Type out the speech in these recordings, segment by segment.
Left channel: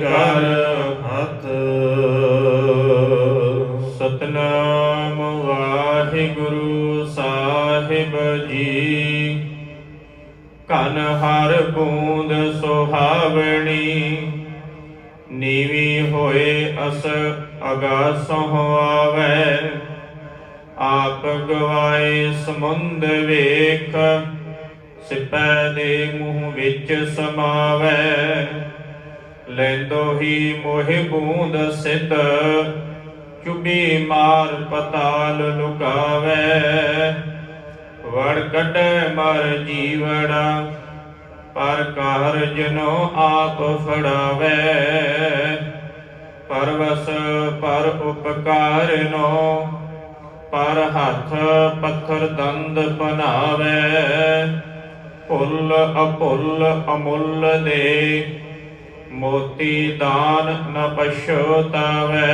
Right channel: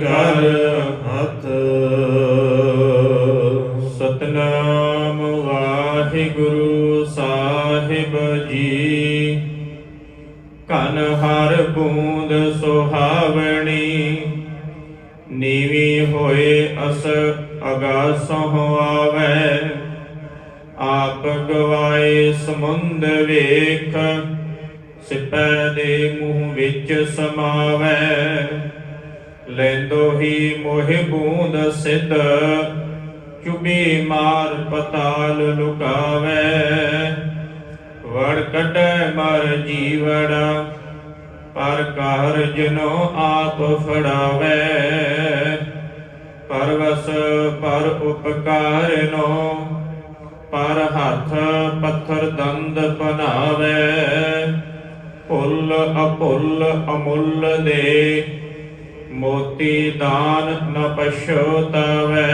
ਕਰ ਹੱਥ ਸਤਨਾਮ ਵਾਹਿਗੁਰੂ ਸਾਹਿਬ ਜੀ। ਕਨ ਹਰ ਬੂੰਦ ਸੁਹਾਵਣੀ ਨੀਵੀਂ ਹੋਏ ਅਸ ਅਗਾਸੋਂ ਆਵੈ। ਆਪ ਗਵਾਏ ਸਮੁੰਦ ਵੇਖ ਸਿਪੈ ਦੇ ਮੂੰਹ ਵਿੱਚ ਸਮਾਵੈ। ਲੈਂਦੋ ਹੀ ਮੋਹਿ ਬੂੰਦ ਸਿੱਧ ਚੁਬੀ ਮਾਰ ਪਤਾਲ ਲੁਕਾਵੈ। ਵੜ ਕੱਢੈ ਮਰ ਜੀਵੜਾ ਪਰ ਕਾਰਜ ਨੋ ਆਪ ਫੜਾਵੈ। ਪਰਵਸ ਪਰ ਉਪਕਾਰ ਨੋ ਪਰ ਹੱਥ ਪੱਥਰ ਦੰਦ ਪਨਾਵੈ। ਭੁੱਲ ਅਭੁੱਲ ਅਮੁੱਲ ਦੇ ਮੋਤੀ ਦਾਨ ਨ ਪਛੋਤਾਵੈ।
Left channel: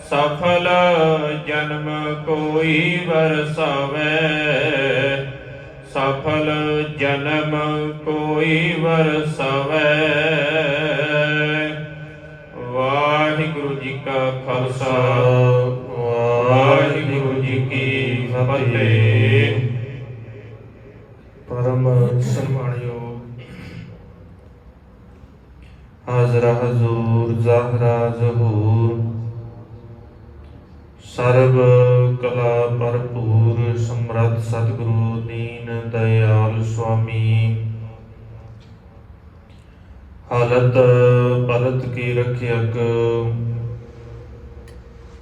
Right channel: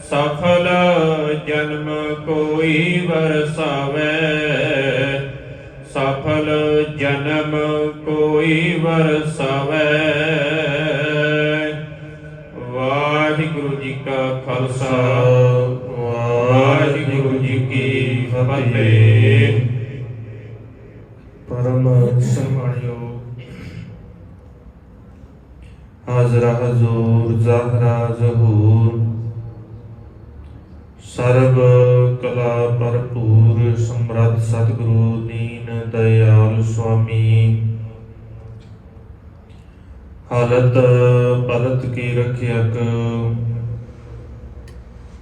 ਸਫਲ ਜਨਮ ਕੋਈ ਵਰਸਾਵੈ। ਸਫਲ ਜਨਮ ਕੋਈ ਵਰਸਾਵੈ। ਵਾਹਿਗੁਰੂ ਜੀ ਕਾ ਖਾਲਸਾ ਵਾਹਿਗੁਰੂ ਜੀ ਕੀ ਫਤਿਹ। ਪਰਮ ਸਨਮਾਨਯੋਗ ਹਾਜ਼ਰਾ ਹਜ਼ੂਰ ਜ਼ਾਹਰਾ ਜ਼ਹੂਰ ਸਰਬ ਕਲਾ ਭਰਪੂਰ ਸਮਰੱਥ ਸਤਿਗੁਰੂ ਦੀਨ ਦਇਆਲ ਸੁਆਮੀ ਹਾਲਤ ਪਲਤ ਕੀ ਰਖਿਅਕ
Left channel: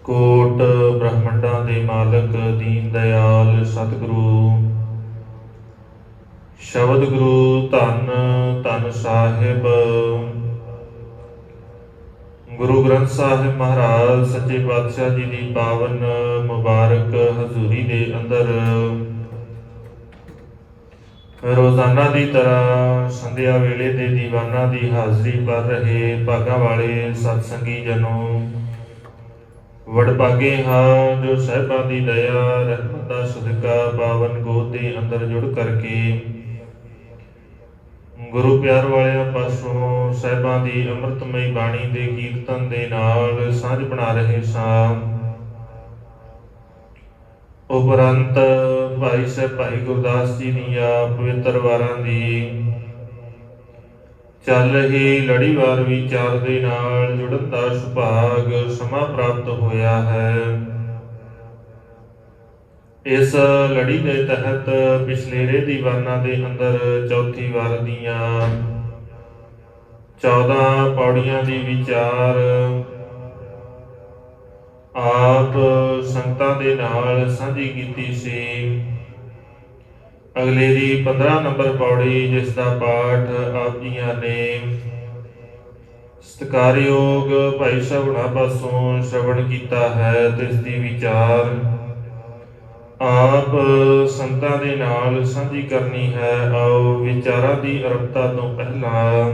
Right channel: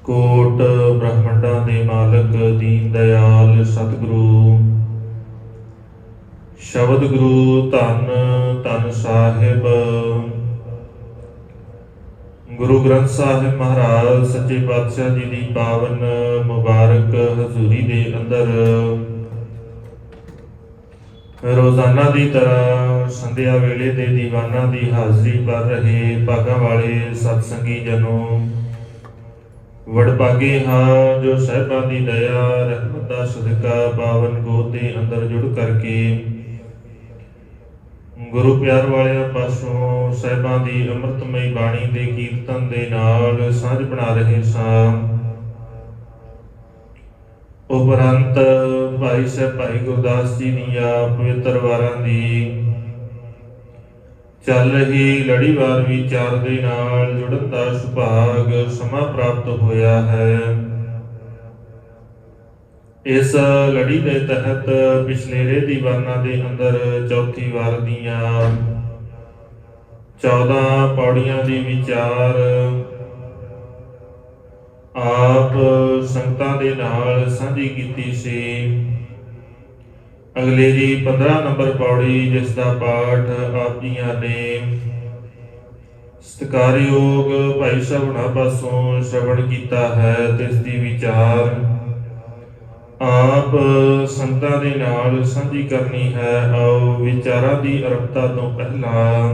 ਕੋਟ ਬ੍ਰਹਮੰਡਾਂ ਦੇ ਮਾਲਕ ਦੀਨ ਦਇਆਲ ਸਤਿਗੁਰੂ ਸ਼ਬਦ ਗੁਰੂ ਧੰਨ ਧੰਨ ਸਾਹਿਬ ਗੁਰੂ ਗ੍ਰੰਥ ਸਾਹਿਬ ਮਹਾਰਾਜ ਸੱਚੇ ਪਾਤਸ਼ਾਹ ਜੀ ਦੀ ਪਾਵਨ ਮੁਬਾਰਕ ਹਜ਼ੂਰੀ ਦੇ ਅੰਦਰ ਰੋਜ਼ਾਨਾ ਦੀ ਤਰ੍ਹਾਂ ਸੰਧਿਆ ਵੇਲੇ ਦੇ ਦੀਵਾਨਾਂ ਦੀ ਹਾਜ਼ਰੀ ਕਰ ਰਹੇ ਭਾਗਾਂ ਵਾਲੇ ਸਤਸੰਗੀ ਜਨੋ ਵਡਭਾਗੇ ਹਾਂ ਜੋ ਸਾਹਿਬਾਂ ਦੀ ਦਇਆ ਰਹਿਮਤ ਦਾ ਸਦਕਾ ਪਾਵਨ ਗੋਦ ਦੇ ਅੰਦਰ ਜੁੜ ਕਰਕੇ ਗੁਰੂ ਪਿਆਰ ਵਾਲਿਆਂ ਪਾਸੋਂ ਸਾਹਿਬਾਂ ਦੀ ਅੰਮ੍ਰਿਤਮਈ ਬਾਣੀ ਦੇ ਕੀਰਤਨ ਦੇ ਨਾਲ ਸਾਂਝ ਬਣਾ ਰਹੇ ਸਾਂ। ਉਪਰੰਤ ਭਾਈ ਸਾਹਿਬ ਭਾਈ ਗੁਰਦਾਸ ਜੀ ਦੀਆਂ ਪਵਿੱਤਰ ਵਾਰਾਂ ਦੀ ਚੱਲ ਹੀ ਲੜੀਵਾਰ ਵਿਚਾਰ ਦੇ ਨਾਲ ਜੁੜਨ ਦਾ ਸੁਭਾਗ ਸਮਾਂ ਪ੍ਰਾਪਤ ਹੋਇਆ ਹੈ। ਇਸ ਲੜੀ ਦੇ ਤਹਿਤ ਪਿਛਲੇਰੇ ਦੀਵਾਨਾਂ ਦੇ ਅੰਦਰ ਚੌਥੀ ਵਾਰ ਦੀਆਂ 14 ਪੌੜੀਆਂ ਦੀ ਵਿਚਾਰ ਆਪ ਸੰਗਤਾਂ ਦੇ ਨਾਲ ਸਾਂਝੀ ਕੀਤੀ ਸੀ। ਅਗਲੇ ਦੀ 15 ਨੰਬਰ ਪੌੜੀ ਜਿਸ ਦਾ ਪਾਠ ਆਪ ਜੀਆਂ ਨੇ ਸਤਿਕਾਰਯੋਗ ਭਾਈ ਸਾਹਿਬ ਹੁਣਾਂ ਪਾਸੋਂ ਸ਼ਰਵਣ ਕੀਤਾ ਹੈ ਤੇ ਇਸ ਦੀ ਵਿਚਾਰ ਆਪ ਸੰਗਤਾਂ ਦੇ ਨਾਲ ਸਾਂਝੀ ਕਰਨੀ ਹੈ। ਆਓ ਵਿਚਾਰਾਂ ਦੀ ਅਰੰਭਤਾ ਤੋਂ ਪਹਿਲਾਂ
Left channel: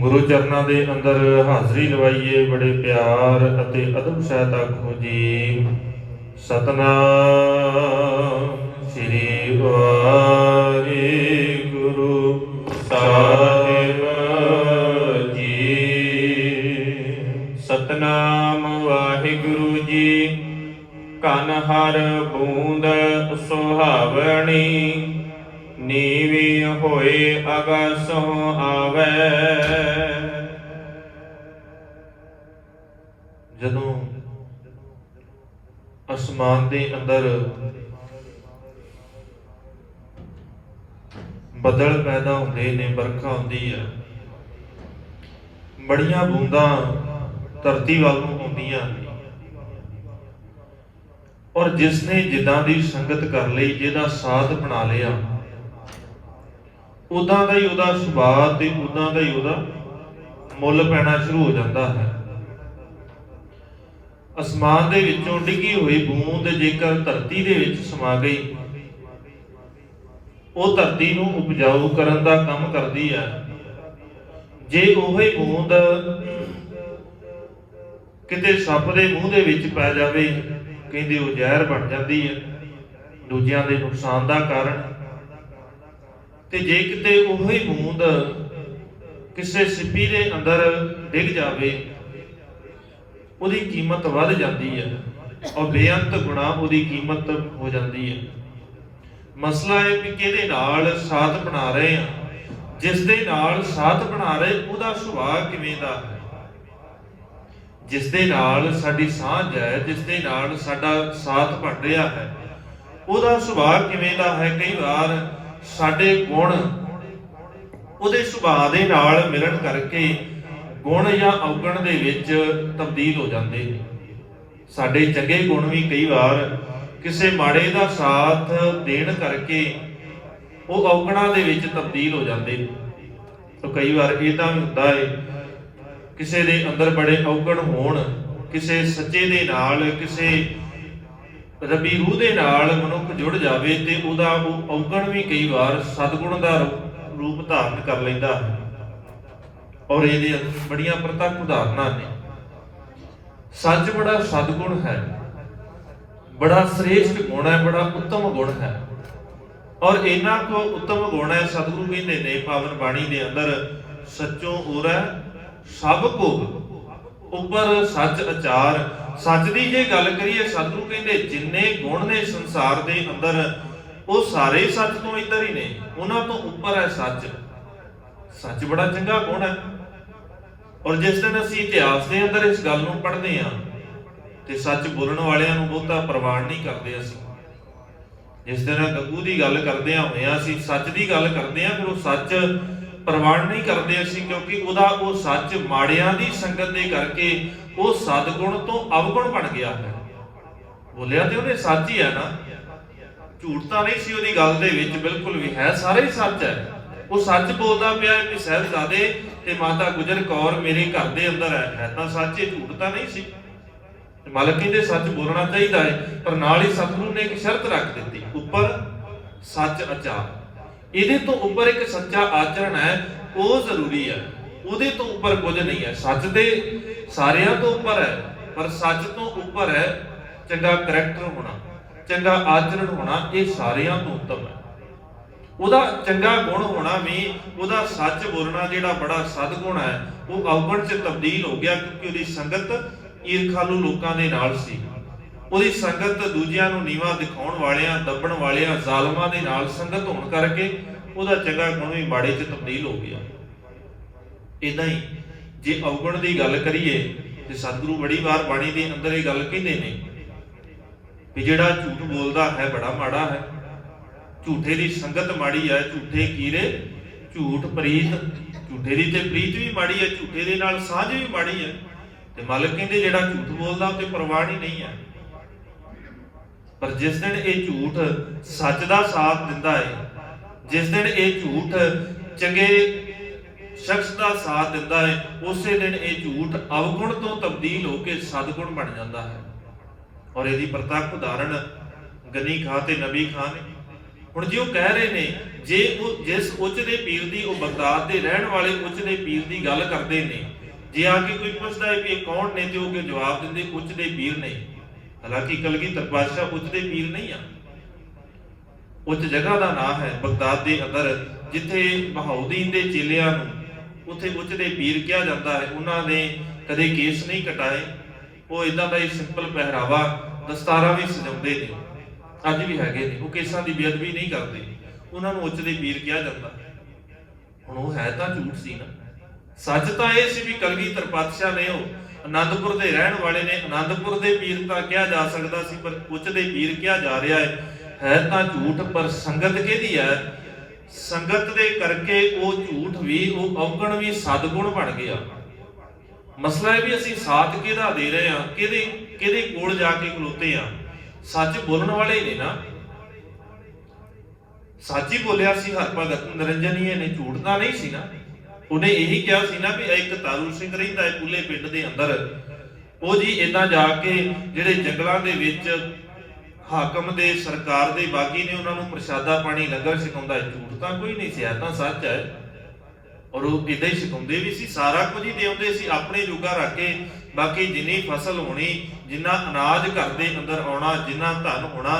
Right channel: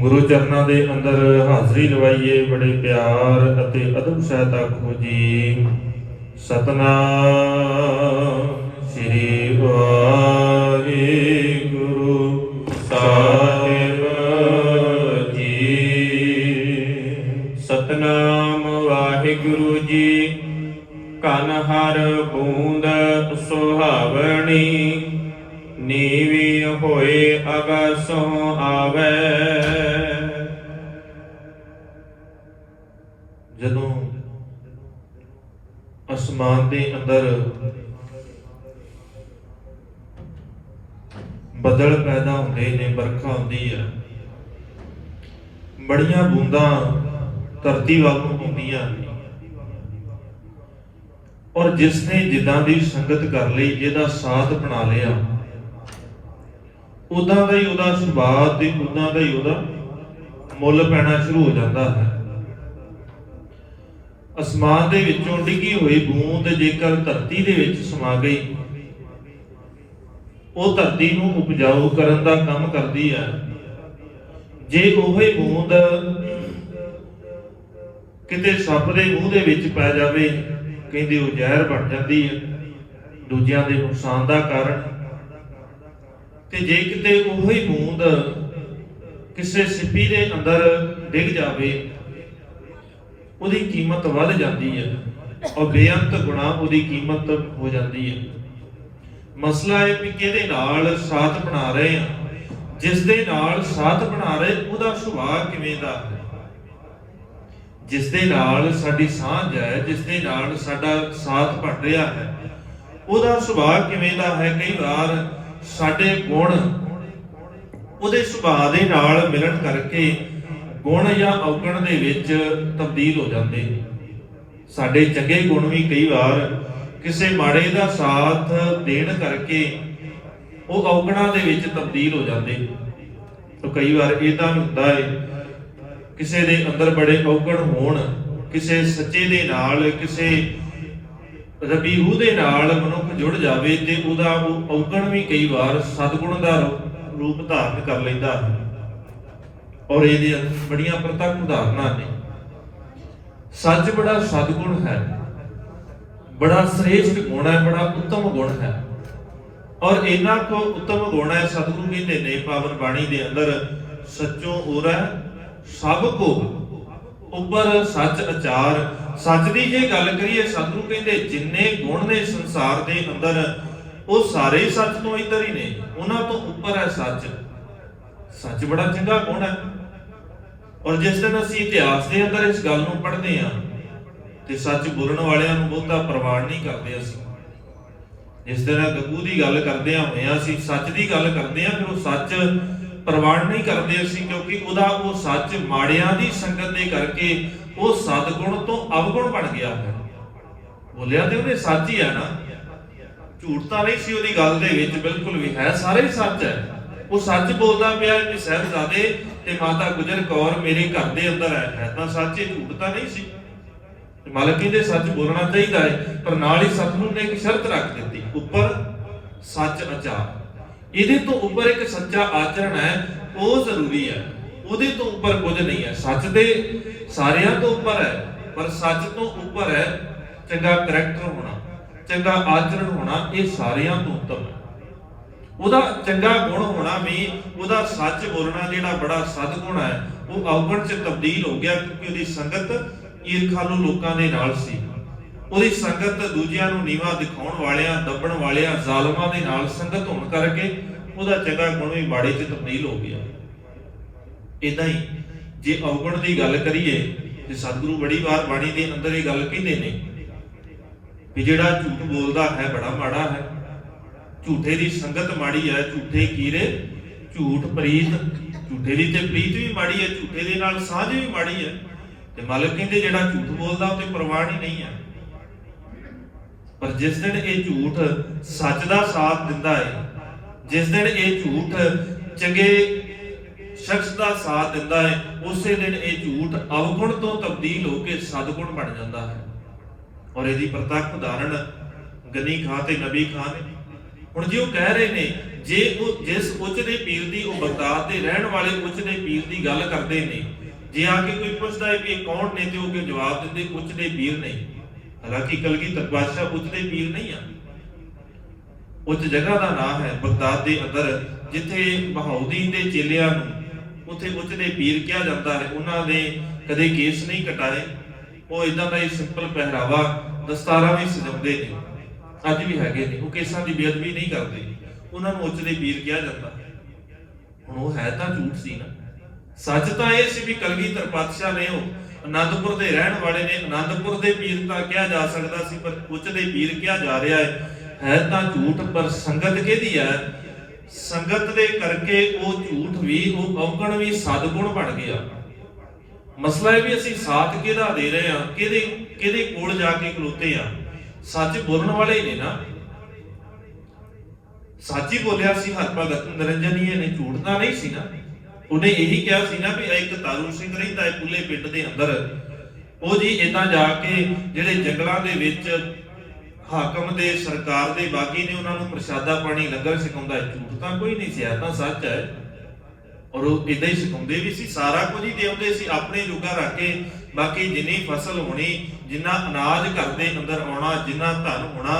ਗੁਰੂ ਚਰਨਾਂ ਦੇ ਅੰਦਰ ਹਾਜ਼ਰੀ ਲਵਾਈਏ ਬੜੇ ਪਿਆਰ ਅਤੇ ਅਦਬ ਸਹਿਤ ਆਖੋ ਜੀ ਸਤਨਾਮ ਸ੍ਰੀ ਵਾਹਿਗੁਰੂ ਸਾਹਿਬ ਜੀ। ਸਤਨਾਮ ਵਾਹਿਗੁਰੂ ਜੀ। ਕਨ ਹਰ ਬੂੰਦ ਸੁਹਾਵਣੀ ਨੀਵੀਂ ਹੋਏ ਅਗਾਸੋਂ ਆਵੈ। ਜਦੋਂ ਅਸਮਾਨ ਦੇ ਅੰਦਰ ਬੱਦਲ ਪੈਦਾ ਹੁੰਦੇ ਨੇ, ਵਰਖਾ ਹੁੰਦੀ ਆ, ਬੜੀਆਂ ਬੂੰਦਾਂ ਧਰਤੀ ਵੱਲ ਨੂੰ ਆਉਂਦੀਆਂ ਨੇ ਔਰ ਜਿਸ ਨੇ ਜਿੱਦਾਂ ਦੀ ਸੰਗਤ ਕਰ ਲਈ, ਜਿਹਦਾ ਸਾਥ ਬਣਾ ਲਿਆ, ਉਦਾਂ ਦਾ ਹੀ ਉਹਦਾ ਸੁਭਾਅ ਤੇ ਉਦਾਂ ਦਾ ਹੀ ਉਹਦਾ ਮੁੱਲ ਪੈਣਾ ਸ਼ੁਰੂ ਹੋ ਜਾਂਦਾ ਹੈ। ਅਸਮਾਨ ਦੇ ਵਿੱਚੋਂ ਡਿੱਗੀ ਹੋਈ ਬੂੰਦ ਜੇਕਰ ਧਰਤੀ ਦੇ ਵਿੱਚ ਸਮਾ ਗਈ, ਉਹ ਧਰਤੀ ਨੂੰ ਉਪਜਾਊ ਕਰਨ ਦਾ ਕੰਮ ਕਰਦੀ ਹੈ। ਜੇ ਉਹੀ ਬੂੰਦ ਕਿਤੇ ਸੱਪ ਦੇ ਮੂੰਹ ਦੇ ਵਿੱਚ ਪੈ ਜਾਵੇ, ਕਹਿੰਦੇ ਉਹ ਜ਼ਹਿਰ ਬਣ ਜਾਂਦੀ ਹੈ, ਦੂਜਿਆਂ ਦੇ ਨੁਕਸਾਨ ਦਾ ਕਾਰਨ। ਤੇ ਜੇ ਕਿਤੇ ਉਹੀ ਬੂੰਦ ਕਿਸੇ ਸਿੱਪੀ ਦੇ ਅੰਦਰ ਡਿੱਗ ਜਾਵੇ, ਉਹਦੀ ਕੀਮਤ ਵੱਧ ਜਾਂਦੀ ਹੈ ਔਰ ਬੇਅੰਤ ਗੁਣਾ ਉਹਦੀ ਕੀਮਤ ਹੋ ਜਾਂਦੀ ਹੈ। ਮਸਲਾ ਹੈ ਵੀ ਕਿਹਦੇ ਨਾਲ ਸਾਥ ਬਣਾ ਰਹੇ ਆ, ਜਿਸ ਦੇ ਨਾਲ ਸਾਥ ਬਣਾ ਰਹੇ ਉਹਦਾ ਸੁਭਾਅ ਕਿਵੇਂ ਦਾ ਹੈ, ਜਿਸ ਦੇ ਨਾਲ ਸਾਡੀ ਸਾਂਝ ਹੈ, ਜਿਸ ਦੇ ਨਾਲ ਸਾਡਾ ਸਾਥ ਬਣ ਰਿਹਾ ਹੈ, ਉਹਦਾ ਸੁਭਾਅ ਕਿਵੇਂ ਦਾ ਹੈ। ਕਈ ਵਾਰ ਸਾਡੇ ਗੁਣ ਉਹਦੇ ਸੁਭਾਅ ਦੇ ਨਾਲ ਮਿਲਣ ਕਰਕੇ ਗੁਣ ਜਾਂ ਔਗਣ ਦੇ ਵਿੱਚ ਤਬਦੀਲ ਹੋ ਜਾਂਦੇ ਨੇ। ਸਾਡੇ ਚੰਗੇ ਗੁਣ ਵੀ ਕਈ ਵਾਰ ਕਿਸੇ ਮਾੜੇ ਦਾ ਸਾਥ ਦੇਣ ਕਰਕੇ ਉਹ ਔਗਣਾਂ ਦੇ ਵਿੱਚ ਤਬਦੀਲ ਹੋ ਜਾਂਦੇ ਨੇ। ਤਾਂ ਕਈ ਵਾਰ ਇਦਾਂ ਹੁੰਦਾ ਹੈ ਕਿਸੇ ਦੇ ਅੰਦਰ ਬੜੇ ਔਗਣ ਹੋਣ, ਕਿਸੇ ਸੱਚੇ ਦੇ ਨਾਲ, ਕਿਸੇ ਰੱਬੀ ਰੂਹ ਦੇ ਨਾਲ ਮਨੁੱਖ ਜੁੜ ਜਾਵੇ ਤੇ ਉਹਦਾ ਉਹ ਔਗਣ ਵੀ ਕਈ ਵਾਰ ਸਤਿਗੁਣ ਦਾ ਰੂਪ ਧਾਰਨ ਕਰ ਲੈਂਦਾ ਹੈ। ਔਰ ਇਹਦੇ ਬੜੀਆਂ ਪ੍ਰਤੱਖ ਉਦਾਹਰਨਾਂ ਨੇ। ਸੱਚ ਬੜਾ ਸਤਿਗੁਣ ਹੈ, ਬੜਾ ਸ੍ਰੇਸ਼ਟ ਗੁਣ ਹੈ, ਬੜਾ ਉੱਤਮ ਗੁਣ ਹੈ। ਔਰ ਇਹਨਾਂ ਕੋ ਉੱਤਮ ਗੁਣ ਹੈ, ਸਤਿਗੁਰੂ ਕਹਿੰਦੇ ਨੇ ਪਾਵਨ ਬਾਣੀ ਦੇ ਅੰਦਰ, ਸੱਚੋਂ ਉਰੈ ਸਭ ਕੋ ਉੱਪਰ ਸੱਚ ਅਚਾਰ। ਸੱਚ ਦੀ ਜੇ ਗੱਲ ਕਰੀਏ, ਸਤਿਗੁਰੂ ਕਹਿੰਦੇ ਜਿੰਨੇ ਗੁਣ ਨੇ ਸੰਸਾਰ ਦੇ ਅੰਦਰ ਉਹ ਸਾਰੇ ਸੱਚ ਤੋਂ ਇੱਧਰ ਹੀ ਨੇ, ਉਹਨਾਂ ਤੋਂ ਉੱਪਰ ਹੈ ਸੱਚ। ਸੱਚ ਬੜਾ ਚੰਗਾ ਗੁਣ ਹੈ। ਔਰ ਜਿਸ ਦਿਨ ਅਸੀਂ ਇਤਿਹਾਸ ਦੇ ਅੰਦਰ ਇਸ ਗੱਲ ਨੂੰ ਪੜ੍ਹਦੇ ਹਾਂ ਤੇ ਸੱਚ ਬੋਲਣ ਵਾਲਿਆਂ ਨੂੰ ਬਹੁਤਾ ਪ੍ਰਵਾਨ ਨਹੀਂ ਕਰਦੇ ਅਸੀਂ। ਜਿਸ ਦਿਨ ਗੱਗੂ ਦੀ ਗੱਲ ਕਰਦੇ ਹੋਇਆ ਅਸੀਂ ਸੱਚ ਦੀ ਗੱਲ ਕਰਦੇ ਹਾਂ, ਫਿਰ ਉਹ ਸੱਚ ਪ੍ਰਵਾਨ ਨਹੀਂ ਕਰਦੇ ਅਸੀਂ, ਕਿਉਂਕਿ ਉਹਦਾ ਉਹ ਸੱਚ ਮਾੜਿਆਂ ਦੀ ਸੰਗਤ ਦੇ ਕਰਕੇ ਉਹ ਸਤਿਗੁਣ ਤੋਂ ਅਵਗੁਣ ਬਣ ਗਿਆ ਹੈ। ਬੋਲਿਆ ਤੇ ਉਹਨੇ ਸੱਚ ਹੀ ਹੈ ਨਾ, ਝੂਠ ਤਾਂ ਨਹੀਂ ਸੀ ਉਹਦੀ ਗੱਲ ਦੇ ਵਿੱਚ, ਬਿਲਕੁਲ ਵੀ ਹੈ, ਸਾਰਾ ਹੀ ਸੱਚ ਹੈ। ਉਹ ਸੱਚ ਬੋਲਦਾ ਪਿਆ ਹੈ ਕਿ ਸਾਹਿਬਜ਼ਾਦੇ ਤੇ ਮਾਤਾ ਗੁਜਰ ਕੌਰ ਮੇਰੇ ਘਰ ਦੇ ਅੰਦਰ ਹੈ ਤਾਂ ਸੱਚ, ਇਹ ਝੂਠ ਤਾਂ ਨਹੀਂ ਸੀ। ਮਾਲਕ ਕਹਿੰਦੇ ਸੱਚ ਬੋਲਣਾ ਚਾਹੀਦਾ ਹੈ, ਪਰ ਨਾਲ ਹੀ ਸਤਿਗੁਰੂ ਨੇ ਇੱਕ ਸ਼ਰਤ ਰੱਖ ਦਿੱਤੀ, ਉੱਪਰ ਸੱਚ ਆਚਾਰ। ਇਹਦੇ ਤੋਂ ਉੱਪਰ ਇੱਕ ਸੱਚਾ ਆਚਰਣ ਹੈ, ਉਹ ਜ਼ਰੂਰੀ ਹੈ, ਉਹਦੇ ਤੋਂ ਉੱਪਰ ਕੁਝ ਨਹੀਂ ਹੈ। ਸੱਚ ਦੇ ਸਾਰਿਆਂ ਤੋਂ ਉੱਪਰ ਹੈ, ਪਰ ਸੱਚ ਤੋਂ ਉੱਪਰ ਹੈ ਚੰਗਾ ਕਰੈਕਟਰ ਹੋਣਾ, ਚੰਗਾ ਆਚਰਣ ਹੋਣਾ, ਇਹ ਸਾਰਿਆਂ ਤੋਂ ਉੱਤਮ ਹੈ। ਉਹਦਾ ਚੰਗਾ ਗੁਣ ਹੋਣਾ ਵੀ, ਉਹਦਾ ਸੱਚ ਬੋਲਣਾ ਜਿਹੜਾ ਬੜਾ ਸਤਿਗੁਣ ਹੈ, ਉਹ ਅਵਗੁਣ 'ਚ ਤਬਦੀਲ ਹੋ ਗਿਆ, ਕਿਉਂਕਿ ਉਹਦੀ ਸੰਗਤ ਈਰਖਾਲੂ ਲੋਕਾਂ ਦੇ ਨਾਲ ਸੀ। ਉਹਦੀ ਸੰਗਤ ਦੂਜਿਆਂ ਨੂੰ ਨੀਵਾਂ ਦਿਖਾਉਣ ਵਾਲਿਆਂ, ਦੱਬਣ ਵਾਲਿਆਂ, ਜ਼ਾਲਮਾਂ ਦੇ ਨਾਲ ਸੰਗਤ ਹੋਣ ਕਰਕੇ ਉਹਦਾ ਚੰਗਾ ਗੁਣ ਵੀ ਮਾੜੇ 'ਚ ਤਬਦੀਲ ਹੋ ਗਿਆ। ਇਦਾਂ ਹੀ ਜੇ ਔਗਣ ਦੀ ਗੱਲ ਕਰੀਏ ਤੇ ਸਤਿਗੁਰੂ ਬੜੀ ਵਾਰ ਬਾਣੀ ਦੇ ਅੰਦਰ ਇਹ ਗੱਲ ਕਹਿੰਦੇ ਨੇ ਵੀ ਜਿਹੜਾ ਝੂਠ ਬੋਲਦਾ ਹੈ ਬੜਾ ਮਾੜਾ ਹੈ, ਝੂਠੇ ਦੀ ਸੰਗਤ ਮਾੜੀ ਹੈ, ਝੂਠੇ ਕੀਰੇ ਝੂਠ ਪ੍ਰੀਤ, ਝੂਠੇ ਦੀ ਤੇ ਪ੍ਰੀਤ ਵੀ ਮਾੜੀ ਹੈ, ਝੂਠੇ ਦੇ ਨਾਲ ਸਾਂਝ ਵੀ ਮਾੜੀ ਹੈ। ਤੇ ਮਾਲਕ ਕਹਿੰਦੇ ਜਿਹੜਾ ਝੂਠ ਬੋਲਦਾ ਉਹ ਤੇ ਪ੍ਰਵਾਨ ਹੀ ਨਹੀਂ ਹੈ। ਪਰ ਜਿਸ ਦਿਨ ਇਹ ਝੂਠ ਸੱਚ ਦਾ ਸਾਥ ਦਿੰਦਾ ਹੈ, ਜਿਸ ਦਿਨ ਇਹ ਝੂਠ ਚੰਗੇ ਸ਼ਖਸ ਦਾ ਸਾਥ ਦਿੰਦਾ ਹੈ, ਉਸੇ ਦਿਨ ਇਹ ਝੂਠ ਅਵਗੁਣ ਤੋਂ ਤਬਦੀਲ ਹੋ ਕੇ ਸਤਿਗੁਣ ਬਣ ਜਾਂਦਾ ਹੈ। ਔਰ ਇਹਦੀ ਪ੍ਰਤੱਖ ਉਦਾਹਰਣ ਗਨੀ ਖਾਂ ਤੇ ਨਬੀ ਖਾਂ ਨੇ। ਹੁਣ ਜੇ ਉਹ ਕਹਿ ਰਹੇ ਨੇ, ਜੇ ਉਹ ਜਿਸ ਉੱਚ ਦੇ ਪੀਰ ਦੀ, ਉਹ ਬਗਦਾਦ ਦੇ ਰਹਿਣ ਵਾਲੇ ਉੱਚ ਦੇ ਪੀਰ ਦੀ ਗੱਲ ਕਰਦੇ ਨੇ, ਜੇ ਆ ਕੇ ਕੋਈ ਪੁੱਛਦਾ ਹੈ ਕਿ ਇਹ ਕੌਣ ਨੇ ਤੇ ਉਹ ਕਿ ਜਵਾਬ ਦਿੰਦੇ ਉੱਚ ਦੇ ਪੀਰ ਨਹੀਂ। ਹਾਲਾਂਕਿ ਕਲਗੀਧਰ ਪਾਤਸ਼ਾਹ ਉੱਚ ਦੇ ਪੀਰ ਨਹੀਂ ਆ, ਉੱਚ ਜਗ੍ਹਾ ਦਾ ਨਾਮ ਹੈ ਬਗਦਾਦ ਦੇ ਅੰਦਰ, ਜਿੱਥੇ ਬਹਾਉਦੀਨ ਦੇ ਚੇਲਿਆਂ ਨੂੰ ਉੱਥੇ ਉੱਚ ਦੇ ਪੀਰ ਕਿਹਾ ਜਾਂਦਾ ਹੈ। ਉਹਨਾਂ ਨੇ ਕਦੇ ਕੇਸ ਨਹੀਂ ਕਟਾਏ, ਉਹ ਇਦਾਂ ਦਾ ਹੀ ਸਿੰਪਲ ਪਹਿਰਾਵਾ, ਦਸਤਾਰਾਂ ਵੀ ਸਜਾਉਂਦੇ ਨੇ, ਅੱਜ ਵੀ ਹੈਗੇ ਨੇ, ਉਹ ਕੇਸਾਂ ਦੀ ਬੇਅਦਬੀ ਨਹੀਂ ਕਰਦੇ, ਉਹਨਾਂ ਨੂੰ ਉੱਚ ਦੇ ਪੀਰ ਕਿਹਾ ਜਾਂਦਾ। ਹੁਣ ਉਹ ਹੈ ਤਾਂ ਝੂਠ ਸੀ ਨਾ। ਸੱਚ ਤਾਂ ਇਹ ਸੀ ਵੀ ਕਲਗੀਧਰ ਪਾਤਸ਼ਾਹ ਨੇ, ਉਹ ਆਨੰਦਪੁਰ ਦੇ ਰਹਿਣ ਵਾਲੇ ਨੇ, ਆਨੰਦਪੁਰ ਦੇ ਪੀਰ ਤਾਂ ਕਿਹਾ ਜਾ ਸਕਦਾ ਸੀ, ਪਰ ਉੱਚ ਦੇ ਪੀਰ ਕਿਹਾ ਜਾ ਰਿਹਾ ਹੈ ਤਾਂ ਝੂਠ। ਪਰ ਸੰਗਤ ਕਿਹਦੀ ਹੈ? ਸੰਗਤ ਦੇ ਕਰਕੇ ਉਹ ਝੂਠ ਵੀ, ਉਹ ਅਵਗੁਣ ਵੀ ਸਤਿਗੁਣ ਬਣ ਗਿਆ। ਮਸਲਾ ਇਹ ਵੀ ਅਸੀਂ ਸਾਥ ਕਿਹਦਾ ਦੇ ਰਹੇ ਹਾਂ, ਕਿਹਦੇ ਕੋਲ ਜਾ ਕੇ ਖਲੋਤੇ ਆ। ਸੱਚ ਬੋਲਣ ਵਾਲੇ ਨੇ ਨਾ, ਸੱਚ ਹੀ ਬੋਲਿਆ ਸੀ ਹਰਭਗਤ ਨਿਰੰਜਨੀਏ ਨੇ, ਝੂਠ ਤਾਂ ਨਹੀਂ ਸੀ ਨਾ। ਉਹਨੇ ਇਹੀ ਕਿਹਾ ਸੀ ਨਾ ਵੀ ਇੱਕ ਤਾਰੂ ਸਿੰਘ ਰਹਿੰਦਾ ਹੈ ਪੁੱਲੇ ਪਿੰਡ ਦੇ ਅੰਦਰ, ਉਹ ਜੀ ਇਦਾਂ ਜਾ ਕੇ ਜਿਹੜੇ ਜੰਗਲਾਂ ਦੇ ਵਿੱਚ ਹਾਕਮ ਦੇ ਸਰਕਾਰ ਦੇ ਬਾਗੀ ਨੇ, ਉਹਨਾਂ ਨੂੰ ਪ੍ਰਸ਼ਾਦਾ ਪਾਣੀ ਲੰਗਰ ਛਕਾਉਂਦਾ ਹੈ। ਝੂਠ ਤਾਂ ਕੋਈ ਨਹੀਂ ਸੀ, ਇਹ ਤਾਂ ਸੱਚ ਹੈ। ਔਰ ਉਹ ਇਦਾਂ ਹੀ ਛਕਾਉਂਦੇ ਵੀ ਸੀ, ਸਾਰਾ ਕੁਝ ਹੀ ਦੇਉਂਦੇ ਸੀ ਆਪਣੇ ਜੋਗਾ ਰੱਖ ਕੇ। ਬਾਕੀ ਜਿੰਨੀ ਫਸਲ ਹੋਣੀ, ਜਿੰਨਾ ਅਨਾਜ ਘਰ ਦੇ ਅੰਦਰ ਆਉਣਾ, ਜਿੰਨਾ ਧਨ ਹੋਣਾ,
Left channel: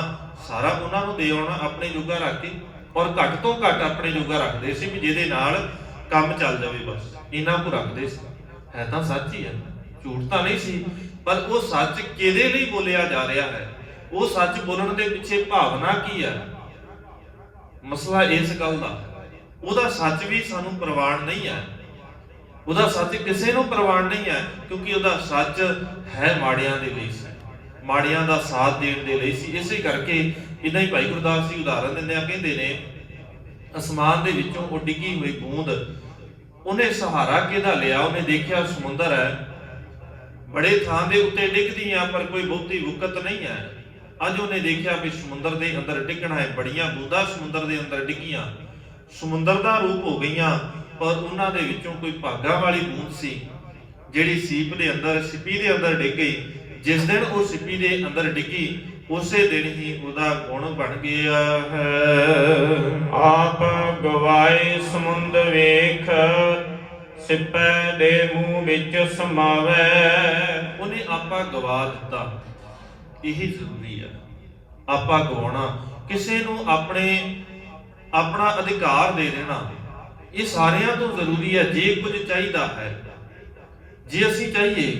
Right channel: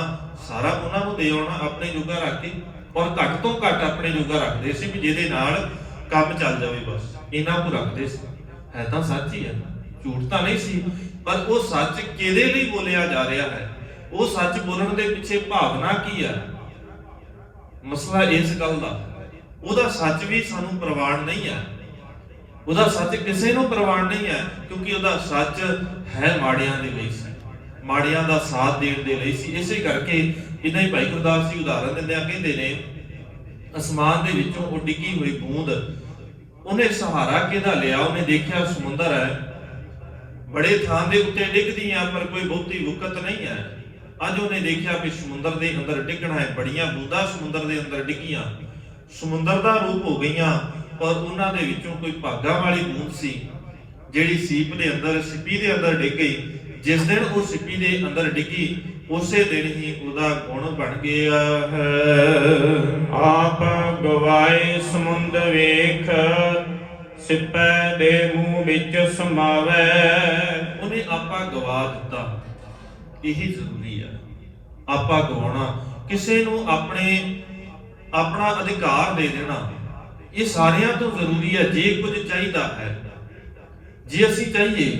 ਸਾਰਾ ਉਹਨਾਂ ਨੂੰ ਦੇ ਆਉਣਾ ਆਪਣੇ ਜੋਗਾ ਰੱਖ ਕੇ। ਔਰ ਘੱਟ ਤੋਂ ਘੱਟ ਆਪਣੇ ਜੋਗਾ ਰੱਖਦੇ ਸੀ ਵੀ ਜਿਹਦੇ ਨਾਲ ਕੰਮ ਚੱਲ ਜਾਵੇ, ਬਸ ਇਹਨਾਂ ਕੋ ਰੱਖਦੇ ਸੀ। ਹੈ ਤਾਂ ਸੱਚ ਹੀ ਹੈ, ਝੂਠ ਤਾਂ ਨਹੀਂ ਸੀ, ਪਰ ਉਹ ਸੱਚ ਕਿਹਦੇ ਲਈ ਬੋਲਿਆ ਜਾ ਰਿਹਾ ਹੈ, ਉਹ ਸੱਚ ਬੋਲਣ ਦੇ ਪਿੱਛੇ ਭਾਵਨਾ ਕੀ ਹੈ, ਮਸਲਾ ਇਸ ਗੱਲ ਦਾ। ਉਹਦਾ ਸੱਚ ਵੀ ਸਾਨੂੰ ਪ੍ਰਵਾਨ ਨਹੀਂ ਹੈ, ਉਹਦਾ ਸੱਚ ਕਿਸੇ ਨੂੰ ਪ੍ਰਵਾਨ ਨਹੀਂ ਹੈ, ਕਿਉਂਕਿ ਉਹਦਾ ਸੱਚ ਹੈ ਮਾੜਿਆਂ ਦੇ ਲਈ ਸੀ, ਮਾੜਿਆਂ ਦਾ ਸਾਥ ਦੇਣ ਦੇ ਲਈ ਸੀ। ਇਸੇ ਕਰਕੇ ਇਦਾਂ ਹੀ ਭਾਈ ਗੁਰਦਾਸ ਜੀ ਉਦਾਹਰਨ ਦਿੰਦੇ ਆ, ਕਹਿੰਦੇ ਨੇ ਅਸਮਾਨ ਦੇ ਵਿੱਚੋਂ ਉਹ ਡਿੱਗੀ ਹੋਈ ਬੂੰਦ, ਉਹਨੇ ਸਹਾਰਾ ਕਿਹਦਾ ਲਿਆ? ਉਹਨੇ ਦੇਖਿਆ ਸਮੁੰਦਰ ਹੈ, ਬੜੇ ਥਾਂ ਦੇ ਉੱਤੇ ਡਿੱਗਦੀ ਆ ਪਰ ਕੋਈ ਬਹੁਤੀ ਵੁਕਤ ਨਹੀਂ ਹੈ। ਅੱਜ ਉਹਨੇ ਦੇਖਿਆ ਵੀ ਸਮੁੰਦਰ ਦੇ ਅੰਦਰ ਡਿੱਗਣਾ ਹੈ, ਬੜੀਆਂ ਬੂੰਦਾਂ ਸਮੁੰਦਰ ਦੇ ਅੰਦਰ ਡਿੱਗੀਆਂ, ਸਮੁੰਦਰ ਦਾ ਰੂਪ ਹੋ ਗਈਆਂ, ਪਰ ਉਹਨਾਂ ਦੇ ਵਿੱਚੋਂ ਕੋਈ ਭਾਗਾ ਵਾਲੀ ਬੂੰਦ ਸੀ ਜਿਹੜੀ ਸੀਪ ਦੇ ਅੰਦਰ, ਸਿੱਪੀ ਦੇ ਅੰਦਰ ਡਿੱਗ ਗਈ। ਜਿਸ ਦਿਨ ਉਹ ਸਿੱਪੀ ਦੇ ਅੰਦਰ ਡਿੱਗੀ, ਉਸੇ ਦਿਨ ਹੀ ਉਹਦਾ ਗੁਣ ਬਣ ਗਿਆ ਹੈ। ਆਪ ਗਵਾਏ ਸਮੁੰਦ ਵੇਖ, ਸਿੱਪੈ ਦੇ ਮੂੰਹ ਵਿੱਚ ਸਮਾਵੈ। ਉਹਨੇ ਆਪਾ ਗਵਾ ਦਿੱਤਾ, ਇਹੀ ਜ਼ਰੂਰੀ ਹੈ। ਆਪਾ ਗਵਾਉਣਾ, ਕਿਸੇ ਨੂੰ ਆਪਣਾ ਅਧਿਕਾਰ ਦੇ ਦੇਣਾ, ਇਹ ਸਾਰਿਆਂ ਤੋਂ ਜ਼ਰੂਰੀ ਹੈ। ਜੇ ਕੁਝ ਚਾਹੀਦਾ ਹੈ, ਜੇ ਅਸੀਂ ਚਾਹੀਏ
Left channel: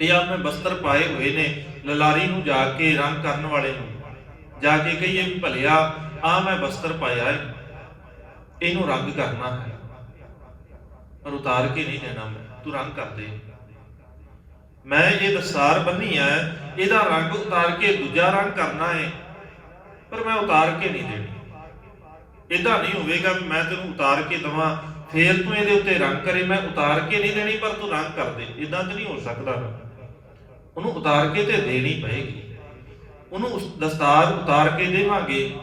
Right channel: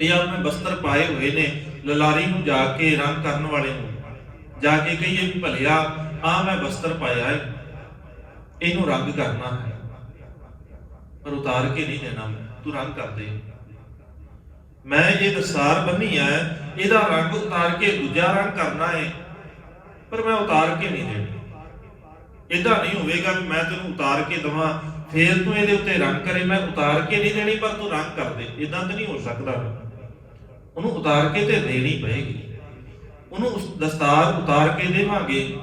ਇਹ ਆਪਣੇ ਬਸਤਰ ਪਾਏ ਹੋਏ ਨੇ, ਲਲਾਰੀ ਨੂੰ ਜਾ ਕੇ ਰੰਗ ਕਰਨ ਵਾਲੇ ਨੂੰ ਜਾ ਕੇ ਕਹੀਏ ਵੀ ਭਲਿਆ ਆ ਮੈਂ ਬਸਤਰ ਪਾਇਆ ਹੈ, ਇਹਨੂੰ ਰੰਗ ਕਰਨਾ ਹੈ, ਪਰ ਉਤਾਰ ਕੇ ਨਹੀਂ ਦੇਣਾ, ਤੂੰ ਰੰਗ ਕਰ ਦੇ। ਮੈਂ ਇਹ ਦਸਤਾਰ ਬੰਨੀ ਹੈ, ਇਹਦਾ ਰੰਗ ਉਤਾਰ ਕੇ ਦੂਜਾ ਰੰਗ ਕਰਨਾ ਹੈ, ਪਰ ਮੈਂ ਉਤਾਰ ਕੇ ਨਹੀਂ ਦੇਣੀ। ਇਦਾਂ ਨਹੀਂ ਹੋਵੇਗਾ ਵੀ ਮੈਂ ਤੈਨੂੰ ਉਤਾਰ ਕੇ ਦਵਾਂ ਫੇਰ ਤੂੰ ਇਹਦੇ ਉੱਤੇ ਰੰਗ ਕਰੇ, ਮੈਂ ਉਤਾਰ ਕੇ ਨਹੀਂ ਦੇਣੀ ਪਰ ਤੂੰ ਰੰਗ ਕਰ ਦੇ। ਇਦਾਂ ਤਾਂ ਨਹੀਂ ਹੋ ਸਕਦਾ, ਉਹਨੂੰ ਉਤਾਰ ਕੇ ਤੇ ਦੇਣੀ ਪਏਗੀ। ਉਹਨੂੰ ਦਸਤਾਰ ਉਤਾਰ ਕੇ ਦੇਵਾਂਗੇ,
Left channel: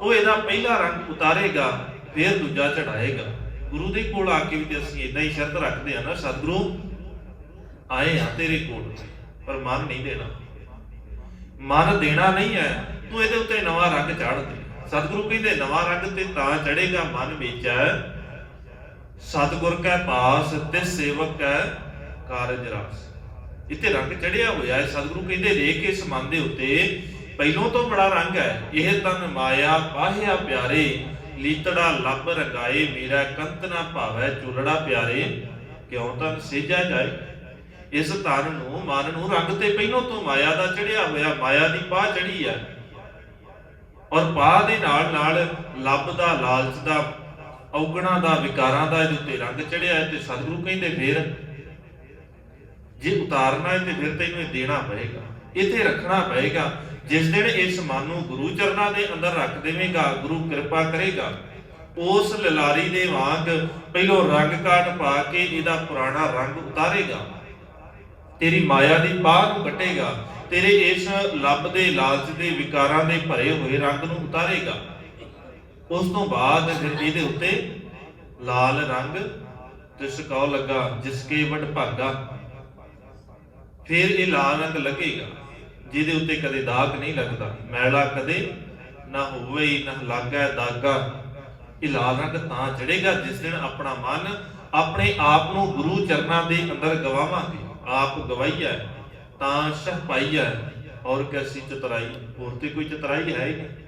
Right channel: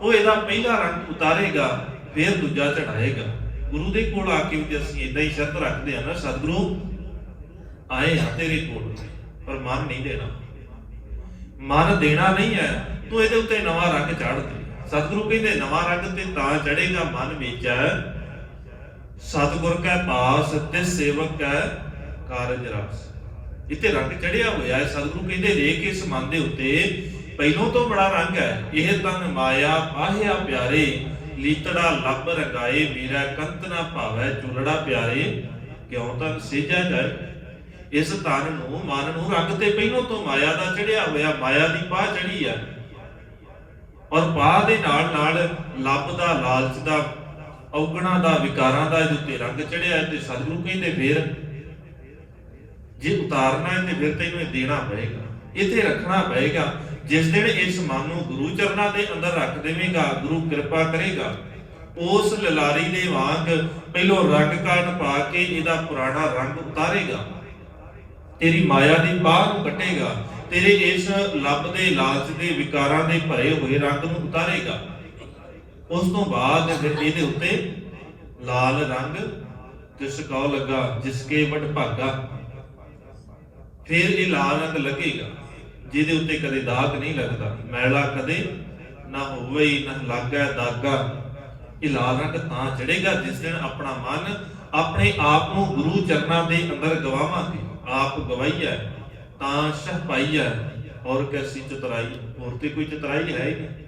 ਉਹ ਇਹਦਾ ਪਹਿਲਾ ਰੰਗ ਉਤਾਰੇਗਾ, ਫੇਰ ਦੂਜਾ ਚੜਾਏਗਾ। ਗੁਰੂ ਦੇ ਕੋਲ ਆ ਕੇ ਵੀ ਅਸੀਂ ਇਦਾਂ ਹੀ ਸ਼ਰਤ ਰੱਖਦੇ ਹਾਂ ਨਾ, ਸਤਿਗੁਰੂ ਆਏ ਆ ਤੇਰੇ ਕੋਲ, ਪਰ ਮਨ ਨਹੀਂ ਦੇਣਾ, ਮਨ ਦੇਣਾ ਨਹੀਂ ਹੈ, ਤੂੰ ਇਹਦੇ ਉੱਤੇ ਨਵਾਂ ਰੰਗ ਚੜ੍ਹ ਦੇ। ਸਤਿਗੁਰੂ ਕਹਿੰਦੇ ਨਵਾਂ ਰੰਗ ਤੇ ਤਾਂ ਚੜੇਗਾ ਮਨ ਵਿੱਚ, ਸਤਿਗੁਰ ਕੈ ਪਾਸ ਤੇ ਸੇਵਕ ਕੈ ਕਾਰਜ ਰਸ। ਇੱਥੇ ਰੰਗ ਚੜਿਆ ਹੋਇਆ ਹੈ। ਸਤਿਗੁਰੂ ਕਹਿੰਦੇ ਦੇਖ ਇਸ ਮਨ ਦੇ ਉੱਤੇ ਪਹਿਲੋਂ ਤੋਂ ਬੜਾ ਰੰਗ ਹੈ। ਇਹ ਤਨ ਮਾਇਆ ਪਾਹਿਆ ਪਿਆਰੇ, ਲੀਤੜਾ ਲੱਭ ਰੰਗਾਏ, ਮੇਰਾ ਕੰਤ ਨਾ ਭਾਵੈ ਚੂਲੜਾ ਪਿਆਰੇ, ਕਿਉਂ ਤਨ ਸੇਜਾ ਜਾਏ। ਇਸ ਤਨ ਨੂੰ, ਮਨ ਨੂੰ ਰੰਗ ਤੇ ਪਹਿਲੋਂ ਤੋਂ ਮਾਇਆ ਦਾ ਚੜਿਆ ਹੋਇਆ, ਮਾਇਆ ਦੀ ਪਾਹ ਚੜੀ ਹੈ, ਔਰ ਪਾਹ ਦੇ ਨਾਲ ਨਾਲ ਲੱਭ ਦਾ, ਲਾਲਚ ਦਾ, ਔਗਣਾ ਦਾ, ਵਿਕਾਰਾਂ ਦਾ ਇਹਦੇ ਉੱਤੇ ਰੰਗ ਚੜਿਆ। ਤੇ ਸਤਿਗੁਰੂ ਕਹਿੰਦੇ ਫਿਰ ਜੇ ਉਤਾਰਨਾ ਹੈ ਤੇ ਫਿਰ ਤੈਨੂੰ ਇਹ ਦੇਣਾ ਪਏਗਾ, ਇੱਥੇ ਰੱਖਣਾ ਪਏਗਾ। ਜਿਸ ਦਿਨ ਇਸ ਮਨ ਨੂੰ ਗੁਰੂ ਚਰਨਾਂ ਦੇ ਅੰਦਰ ਰੱਖ ਦੇਵੇਂਗਾ, ਗੁਰੂ ਕਿਰਪਾ ਕਰੇਗਾ, ਉਸ ਲਲਾਰੀ ਦੇ ਵਾਂਗ ਪਹਿਲੋਂ ਰੰਗ ਕਾਟ ਪਾ ਕੇ ਇਹਦਾ ਪੁਰਾਣਾ ਰੰਗ ਉਤਾਰੇਗਾ, ਤੇਰੀ ਮਾਇਆ ਦੀ ਬਾਹ ਨੂੰ ਕੱਟੇਗਾ, ਤੇਰੇ ਇਸ ਲੱਭ ਦੇ, ਲਾਲਚ ਦੇ, ਵਿਕਾਰਾਂ ਦੇ ਭਰੇ ਹੋਏ ਰੰਗ ਨੂੰ ਉਤਾਰੇਗਾ। ਉਸ ਤੋਂ ਬਾਅਦ ਫਿਰ ਇਹਦੇ ਉੱਤੇ ਲਾਲ ਰੰਗ ਜਿਸ ਕਉ ਲੱਗਾ ਜਿਸ ਕੇ ਵਡ ਭਾਗਾ, ਫਿਰ ਇਹ ਲਾਲ ਰੰਗ ਲੱਗੇਗਾ ਜਿਹਦੇ ਉੱਤੇ ਕਦੇ ਦਾਗ ਨਹੀਂ ਲੱਗਦਾ, ਮੈਲਾ ਕਦੇ ਨਾ ਹੋਵੇ ਹੀ ਨਾ ਲੱਗਾ ਦਾਗਾ। ਇਹ ਲਾਲ ਰੰਗ ਤਾਂ ਚੜੇਗਾ ਜਿਸ ਦਿਨ ਆਪਣਾ ਮਨ ਆਪਣੇ ਆਪ ਨੂੰ ਗੁਰੂ ਚਰਨਾਂ ਦੇ ਅੰਦਰ ਗਵਾਵਾਂਗੇ। ਆਪ ਗਵਾਈਆ ਤਾਂ ਸਹ ਪਾਈਆ, ਔਰ ਕੈਸੀ ਚਤੁਰਾਈ, ਹੋਰ ਤੇ ਕੋਈ ਚਤੁਰਾਈ ਹੈ ਹੀ ਨਹੀਂ।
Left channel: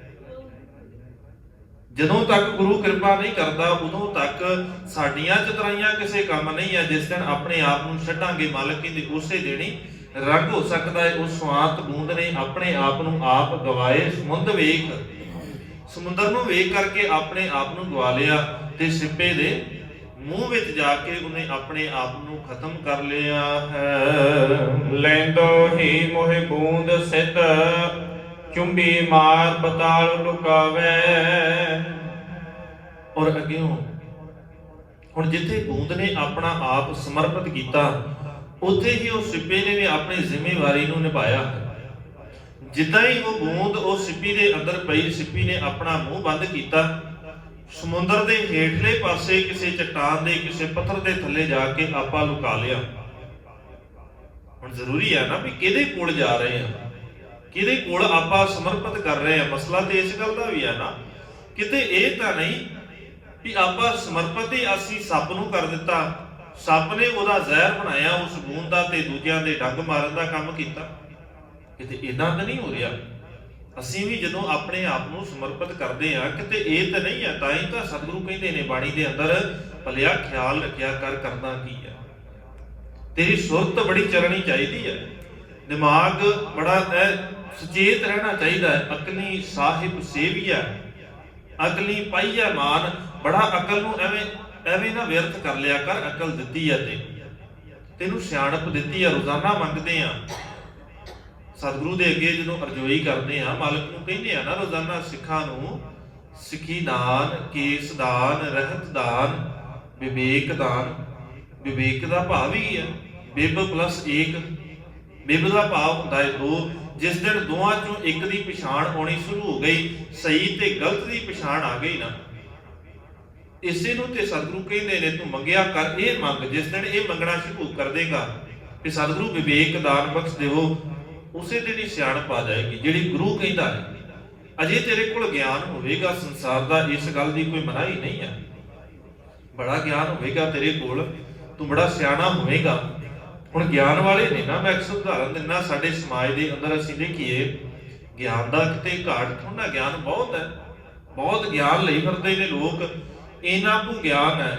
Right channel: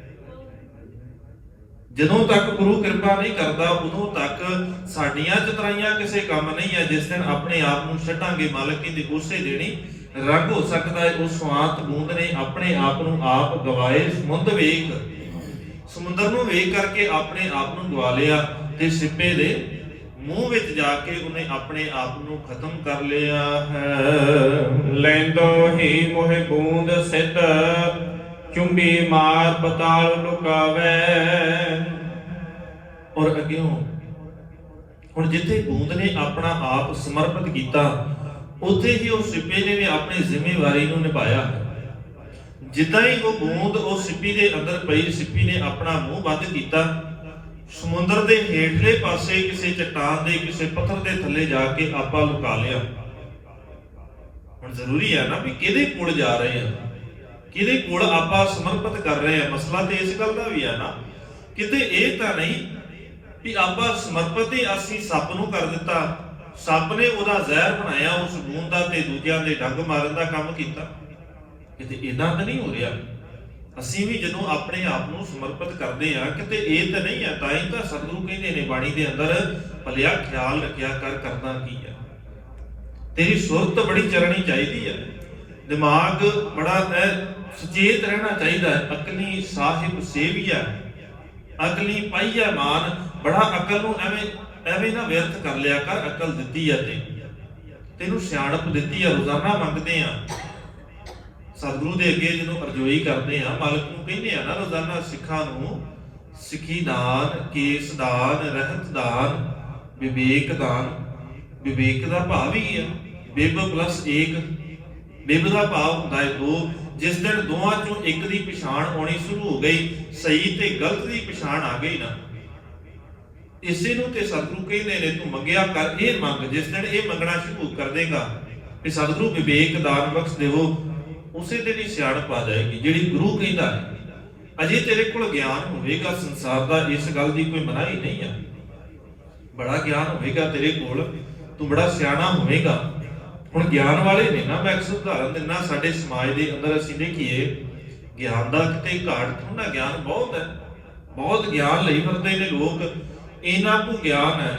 ਜਦੋਂ ਤੱਕ ਗੁਰੂ ਕਿਰਪਾ ਨਹੀਂ ਕਰਦਾ ਉਦੋਂ ਤੱਕ ਸਾਡੀਆਂ ਚਤੁਰਾਈਆਂ ਕਿਸੇ ਕੰਮ ਨਹੀਂ ਹੈ। ਜਿਸ ਦਿਨ ਆਪਣੇ ਆਪ ਨੂੰ ਛੱਡਾਂਗੇ ਮਾਲਕ ਦੀ, ਉਸੇ ਦੇਣੀ ਰੰਗ ਹੋ ਸਕਦਾ ਹੈ। ਉਸ ਸਵਾਤ ਬੂੰਦ ਨੇ ਆਪਣੇ ਆਪ ਨੂੰ ਆਪ ਗਵਾਏ। ਸਮੁੰਦਰ ਵੇਖ, ਸਮੁੰਦਰ ਨੂੰ ਵੇਖ ਕਰਕੇ ਆਪਣੇ ਆਪ ਨੂੰ ਗਵਾ ਲਿਆ, ਤੇ ਸਿੱਪੇ ਦੇ ਮੂੰਹ ਵਿੱਚ ਜਾ ਕੇ ਉਹਨੇ ਆਪਣੇ ਆਪ ਨੂੰ ਖਤਮ ਕਰ ਲਿਆ ਹੈ। ਲੈਂਦੋ ਹੀ ਮੋਹਿ ਬੂੰਦ ਸਿੱਧ, ਚੁੰਬੀ ਮਾਰ ਪਤਾਲ ਲੁਕਾਵੇ। ਔਰ ਅੱਗੇ ਹੁਣ ਜਿੱਥੇ ਬੂੰਦ ਨੇ ਆਪਣਾ ਆਪ ਸਮਰਪਿਤ ਕੀਤਾ, ਉੱਥੇ ਹੀ ਉਹ ਸਿੱਪੇ ਨੇ ਵੀ ਆਪਣੀ ਜ਼ਿੰਮੇਵਾਰੀ ਨੂੰ ਨਿਭਾਇਆ। ਜਿੱਦਾਂ ਹੀ ਉਹ ਬੂੰਦ ਉਹ ਸਿੱਪੀ ਦੇ ਅੰਦਰ ਪਈ, ਸਿੱਪੀ ਨੇ ਆਪਣਾ ਮੂੰਹ ਬੰਦ ਕੀਤਾ, ਸਮੁੰਦਰ ਦੇ ਹੇਠਲੇ ਪਾਸੇ ਕਿਸੇ ਚਟਾਨ ਦੇ, ਕਿਸੇ ਪੱਥਰ ਦੇ ਥੱਲੇ ਜਾ ਕੇ ਆਪਾ ਲੁਕਾ ਲਿਆ। ਹੁਣ ਜ਼ਰੂਰੀ ਹੈ ਨਾ ਵੀ ਕਿਹਦੇ ਕੋਲ ਜਾ ਰਹੇ ਆ, ਕਿਹਦੇ ਕੋਲ ਆਪਾਂ ਸਮਰਪਿਤ ਕਰ ਰਹੇ ਆ। ਮਸਲਾ ਤੇ ਇਸ ਗੱਲ ਦਾ ਵੀ ਹੈ ਨਾ, ਕਿਤੇ ਇਹ ਤਾਂ ਨਹੀਂ ਵੀ ਆਪਾਂ ਸਮਰਪਿਤ ਹੀ ਅਸੀਂ ਸੱਪ ਨੂੰ ਕਰ ਦਿੱਤਾ, ਸੱਪ ਨੇ ਉਹਦਾ ਜ਼ਹਿਰ ਬਣਾਇਆ ਉਸ ਬੂੰਦ ਦਾ ਤੇ ਦੂਜਿਆਂ ਦੇ ਡੰਗ ਮਾਰਨ ਦਾ ਕੰਮ ਕੀਤਾ। ਕਿਤੇ ਇਦਾਂ ਤਾਂ ਨਹੀਂ ਹੋ ਰਿਹਾ। ਅਸੀਂ ਵੀ ਜਦੋਂ ਆਪਣੇ ਆਪ ਨੂੰ ਸਮਰਪਿਤ ਕਰਦੇ ਆ, ਕਿਤੇ ਇਹ ਤਾਂ ਨਹੀਂ ਹੈ, ਤਾਂ ਹੀ ਤਾਂ ਸਤਿਗੁਰੂ ਕਹਿੰਦੇ ਨੇ ਬਾਣੀ ਦੇ ਅੰਦਰ, ਭਲਿਆ ਖਿਆਲ ਰੱਖਿਆ ਕਰ ਕਰਨਾ ਕੀ ਹੈ। ਤੇਰੀ ਸੁਰਤ ਬੜੀ ਚਲਣੀ ਚਾਹੀਦੀ ਹੈ, ਦਿਮਾਗ ਬੜਾ ਸੁਚੇਤ ਰਹਿਣਾ ਚਾਹੀਦਾ ਹੈ। ਅਕਲੀ ਸਾਹਿਬ ਸੇਵੀਆ, ਅਕਲੀ ਪਾਈਆ ਮਾਨ, ਬੜਾ ਅਕਲ ਨੂੰ ਐਵੇਂ ਨਾ ਵਿਅਰਥ ਕਰ ਲਿਆ ਕਰ। ਅਕਲ ਦਿੱਤੀ ਹੈ ਤੇ ਤੈਨੂੰ ਸਿਆਣਪ ਦਿੱਤੀ ਹੈ, ਰੋਜ਼ਾਨਾ ਮੰਗਦੇ ਆ ਸਤਿਗੁਰੂ ਦੇ ਅੱਗੇ ਜਦੋਂ ਅਰਜ਼ੋਈ ਕਰਦੇ ਆ, ਮਾਲਕ ਨੂੰ ਕਹਿੰਦੇ ਆ ਨਾ ਰੋਜ਼ਾਨਾ ਸਿੱਖਾਂ ਨੂੰ, ਸਿੱਖੀ ਦਾਨ, ਕੇਸ ਦਾਨ, ਰਹਿਤ ਦਾਨ, ਵਿਵੇਕ ਦਾਨ। ਵਿਵੇਕ ਦਾ ਭਾਵ ਹੀ ਹੈ ਬਿਬ ਪਲੱਸ 1। ਬਿਬ ਦਾ ਭਾਵ ਹੁੰਦਾ ਹੈ 2। ਜਿਸ ਦਿਨ ਦੋਵਾਂ ਚੋਂ ਇੱਕ ਦੀ ਪਛਾਣ ਆਉਣੀ ਸ਼ੁਰੂ ਹੋ ਗਈ, ਸਹੀ ਤੇ ਗਲਤ ਦੀ ਪਛਾਣ ਆ ਗਈ ਨਾ, ਇਸੇ ਨੂੰ ਤੇ ਸਤਿਗੁਰੂ ਕਹਿੰਦੇ ਨੇ ਤੂੰ ਮੰਗਿਆ ਕਰ, ਇਹ ਮੰਗ। ਜਿਸ ਦਿਨ ਇਹ ਮੰਗਣਾ ਸ਼ੁਰੂ ਕਰ ਦੇਗਾ ਕਿ ਸਤਿਗੁਰੂ ਵਿਵੇਕ ਦਾਨ ਬਖਸ਼ ਦੇਵੋ, ਉਸੇ ਦਿਨ ਹੀ ਸਿਆਣਪ ਆ ਜਾਏਗੀ ਜਿਹੜੀ ਗੁਰੂ ਕਹਿੰਦਾ ਹੈ। ਅਜੇ ਤੇਰੇ ਕੋਲ ਗਿਆਨ ਹੋਵੇਗਾ ਸੰਸਾਰ ਦਾ, ਇਸ ਗੱਲ ਦੀ ਕੋਈ ਮਨਾਹੀ ਨਹੀਂ ਹੈ। ਬੜਾ ਗਿਆਨ ਹੋਵੇਗਾ ਤੇਰੇ ਕੋਲ, ਤੂੰ ਬੜਾ ਸਿਆਣਾ ਹੋਵੇਗਾ। ਹੁਣ ਗਿਆਨ ਵਾਲੇ ਨੇ ਨਾ, ਮੈਂ ਇੱਕ ਉਦਾਹਰਨ ਦਿੰਦਾ, ਸਾਡੇ ਸਮਾਜ ਦੇ ਅੰਦਰ ਅਸੀਂ ਦੇਖੀਏ ਗਿਆਨ ਦਾ ਕਿਤੇ ਘਾਟ ਥੋੜਾ, ਗਿਆਨ ਬਹੁਤ ਹੈ, ਬਹੁਤ ਗਿਆਨ ਲਈ ਫਿਰਦੇ ਨੇ ਲੋਕ। ਇਹਨਾਂ ਨੂੰ ਗਿਆਨ ਹੈ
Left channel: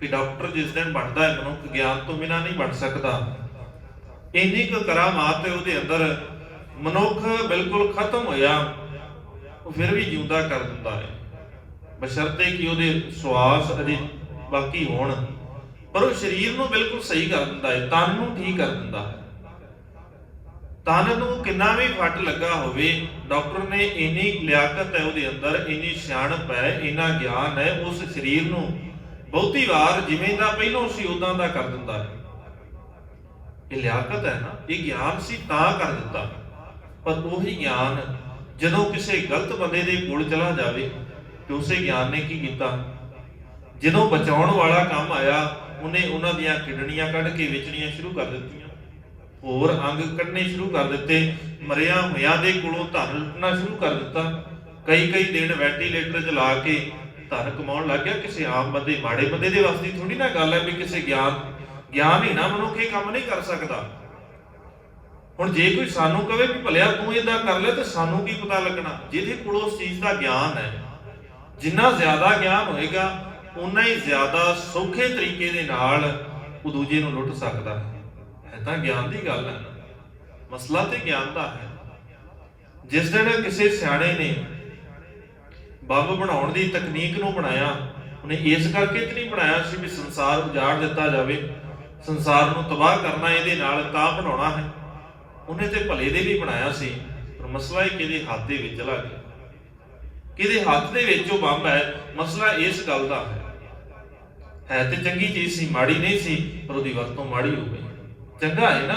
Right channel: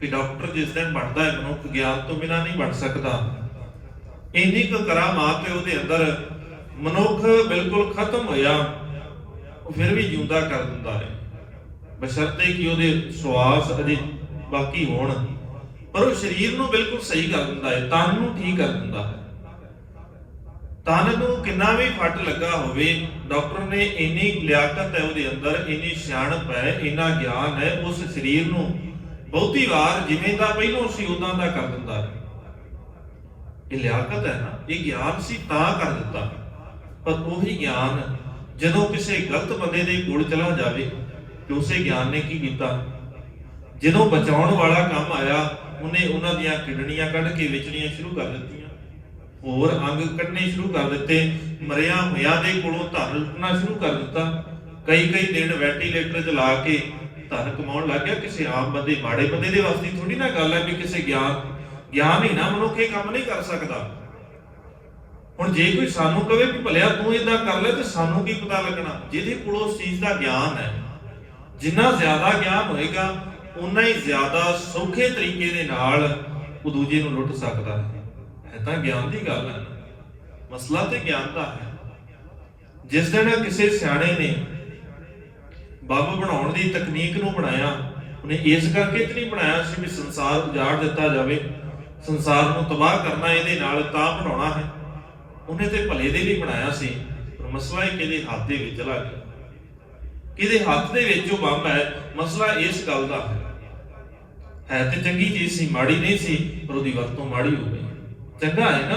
ਵੀ ਡਾਕਟਰ ਜਿਸ ਦਿਨ ਬਣਦਾ ਹੈ ਮਨੁੱਖ ਗਿਆਨ ਤੋਂ ਬਿਨਾਂ ਨਹੀਂ ਬਣ ਸਕਦਾ। ਇੰਨੀ ਕੁ ਕਰਾਮਾਤ ਹੈ ਉਹਦੇ ਅੰਦਰ, ਮਨੁੱਖ ਬਿਲਕੁਲ ਖਤਮ ਹੋਇਆ ਉਹ ਫਿਰ ਵੀ ਜਿਉਂਦਾ ਕਰ ਦਿੰਦਾ ਹੈ, ਬਸ਼ਰਤੇ ਕਿ ਉਹਦੇ ਸਵਾਸ ਅਜੇ ਬਾਕੀ ਹੋਣ। ਪਰ ਉਹ ਸਰੀਰ ਨੂੰ ਬਿਲਕੁਲ ਸਹੀ ਕਰ ਦਿੰਦਾ ਹੈ, ਤਨ ਨੂੰ ਠੀਕ ਕਰ ਦਿੰਦਾ ਹੈ। ਤਨ ਨੂੰ ਕਿੰਨਾ ਵੀ ਫੱਟ ਲੱਗਾ ਹੋਵੇ, ਡਾਕਟਰ ਨੇ ਇੰਨੀ ਲਿਆਕਤ ਹੈ ਉਹਦੇ ਅੰਦਰ, ਇੰਨੀ ਸਿਆਣਪ ਹੈ, ਇੰਨਾ ਗਿਆਨ ਹੈ, ਉਸ ਸਰੀਰ ਨੂੰ ਬਹੁਤੀ ਵਾਰ ਜਿਵੇਂ ਦਾ ਪਹਿਲਾਂ ਸੀ ਉਦਾਂ ਦਾ ਕਰ ਦਿੰਦਾ ਹੈ। ਇਹ ਲਿਆਕਤ ਹੈ ਨਾ, ਇਹ ਗਿਆਨ ਸੀ ਤਾਂ ਕਰ ਦਿੱਤਾ। ਪਰ ਉਹੀ ਗਿਆਨ ਜਦੋਂ ਕਿਸੇ ਗਲਤ ਬੰਦੇ ਦੇ ਕੋਲ ਚਲਾ ਜਾਵੇ ਤੇ ਉਸੇ ਗਿਆਨ ਨੇ ਕੀ ਕੀਤਾ, ਜਦੋਂ ਬਚਾਉਣ ਵਾਲਾ ਕੰਮ ਆਇਆ ਉਹਨੇ ਉਹਨਾਂ ਦੀਆਂ ਕਿਡਨੀਆਂ ਕੱਢ ਕੇ ਵੇਚਣੀਆਂ ਸ਼ੁਰੂ ਕਰ ਦਿੱਤੀਆਂ, ਹੋਰ ਅੰਗ ਕੱਢਣੇ ਸ਼ੁਰੂ ਕਰ ਦਿੱਤੇ, ਮਰਿਆ ਹੋਇਆਂ ਦੇ ਕੋਲੋਂ ਧਨ ਲੁੱਟਣਾ ਸ਼ੁਰੂ ਕਰ ਦਿੱਤਾ। ਕਈ ਦਿਨ ਵੈਂਟੀਲੇਟਰ 'ਚ ਲਾ ਕੇ ਧਨ ਕਮਾਉਣ ਲੱਗ ਗਿਆ। ਕਿਸੇ ਆਮ ਬੰਦੇ, ਮਾੜੇ ਬੰਦੇ ਦੇ ਵਾਸਤੇ ਥੋੜੀ ਨਾ ਗੱਲ ਹੈ ਵੀ ਕਿਸੇ ਗਿਆਨ ਹੀ ਨਾ ਮਨੁੱਖ ਇਹ ਕੰਮ ਨਹੀਂ ਕਰ ਸਕਦਾ। ਹੁਣ ਜੇ ਕੋਈ ਸਾਨੂੰ ਕਵੇ ਵੀ ਭਲਿਆ ਤੂੰ ਏਦਾਂ ਕਰ ਲੈ, ਤੇ ਸਾਨੂੰ ਕੀ ਪਤਾ ਲੱਗਣਾ? ਜਿਹਦੇ ਕੋਲ ਉਸ ਚੀਜ਼ ਦਾ ਗਿਆਨ ਹੈ, ਜਿੰਨਾ ਜ਼ਿਆਦਾ ਗਿਆਨ ਹੋਏਗਾ ਉਨਾ ਹੀ ਜ਼ਿਆਦਾ ਸੌਖੇ ਤਰੀਕੇ ਦੇ ਨਾਲ ਉਹ ਦੂਜੇ ਨੂੰ ਲੁੱਟ ਸਕਦਾ ਹੈ। ਤਾਂ ਗਿਆਨ ਦੀ ਗੱਲ ਹੈ, ਮਸਲਾ ਤੇ ਗਿਆਨ ਦਾ ਹੈ। ਜਿਸ ਦਿਨ ਕਿਸੇ ਸਿਆਣੇ ਨੇ ਬੰਬ ਬਣਾਉਣ ਦੀ ਤਕਨੀਕ ਨੂੰ ਬਣਾਇਆ, ਉਹਨੇ ਇਸ ਕਰਕੇ ਤੇ ਨਹੀਂ ਬਣਾਇਆ ਸੀ ਵੀ ਸੰਸਾਰ ਉਜਾੜ ਦਿੱਤਾ ਜਾਵੇ, ਸੰਸਾਰ ਨੂੰ ਤਬਾਹ ਕਰਨਾ ਇਹਦੇ ਨਾਲ ਤਾਂ ਬਣਾਉਣਾ ਹੈ। ਉਹਨੇ ਤੇ ਭਲੇ ਦੇ ਲਈ ਬਣਾਇਆ ਸੀ, ਪਰ ਮਸਲਾ ਇਹ ਕਿਹਦੇ ਹੱਥ ਦੇ ਵਿੱਚ ਲੱਗ ਗਿਆ, ਕਿਹਦੇ ਹੱਥ ਦੇ ਵਿੱਚ ਉਹ ਬੰਬ ਹੈ। ਮਸਲਾ ਇਸ ਗੱਲ ਦਾ ਹੈ ਤੇ ਚੰਗੀ ਚੀਜ਼ ਸੀ, ਮਾੜੀ ਨਹੀਂ ਸੀ, ਪਰ ਉਹਦੀ ਵਰਤੋਂ ਮਾੜੀ ਹੋ ਗਈ। ਚੰਗਾ ਹੈ ਨਾ,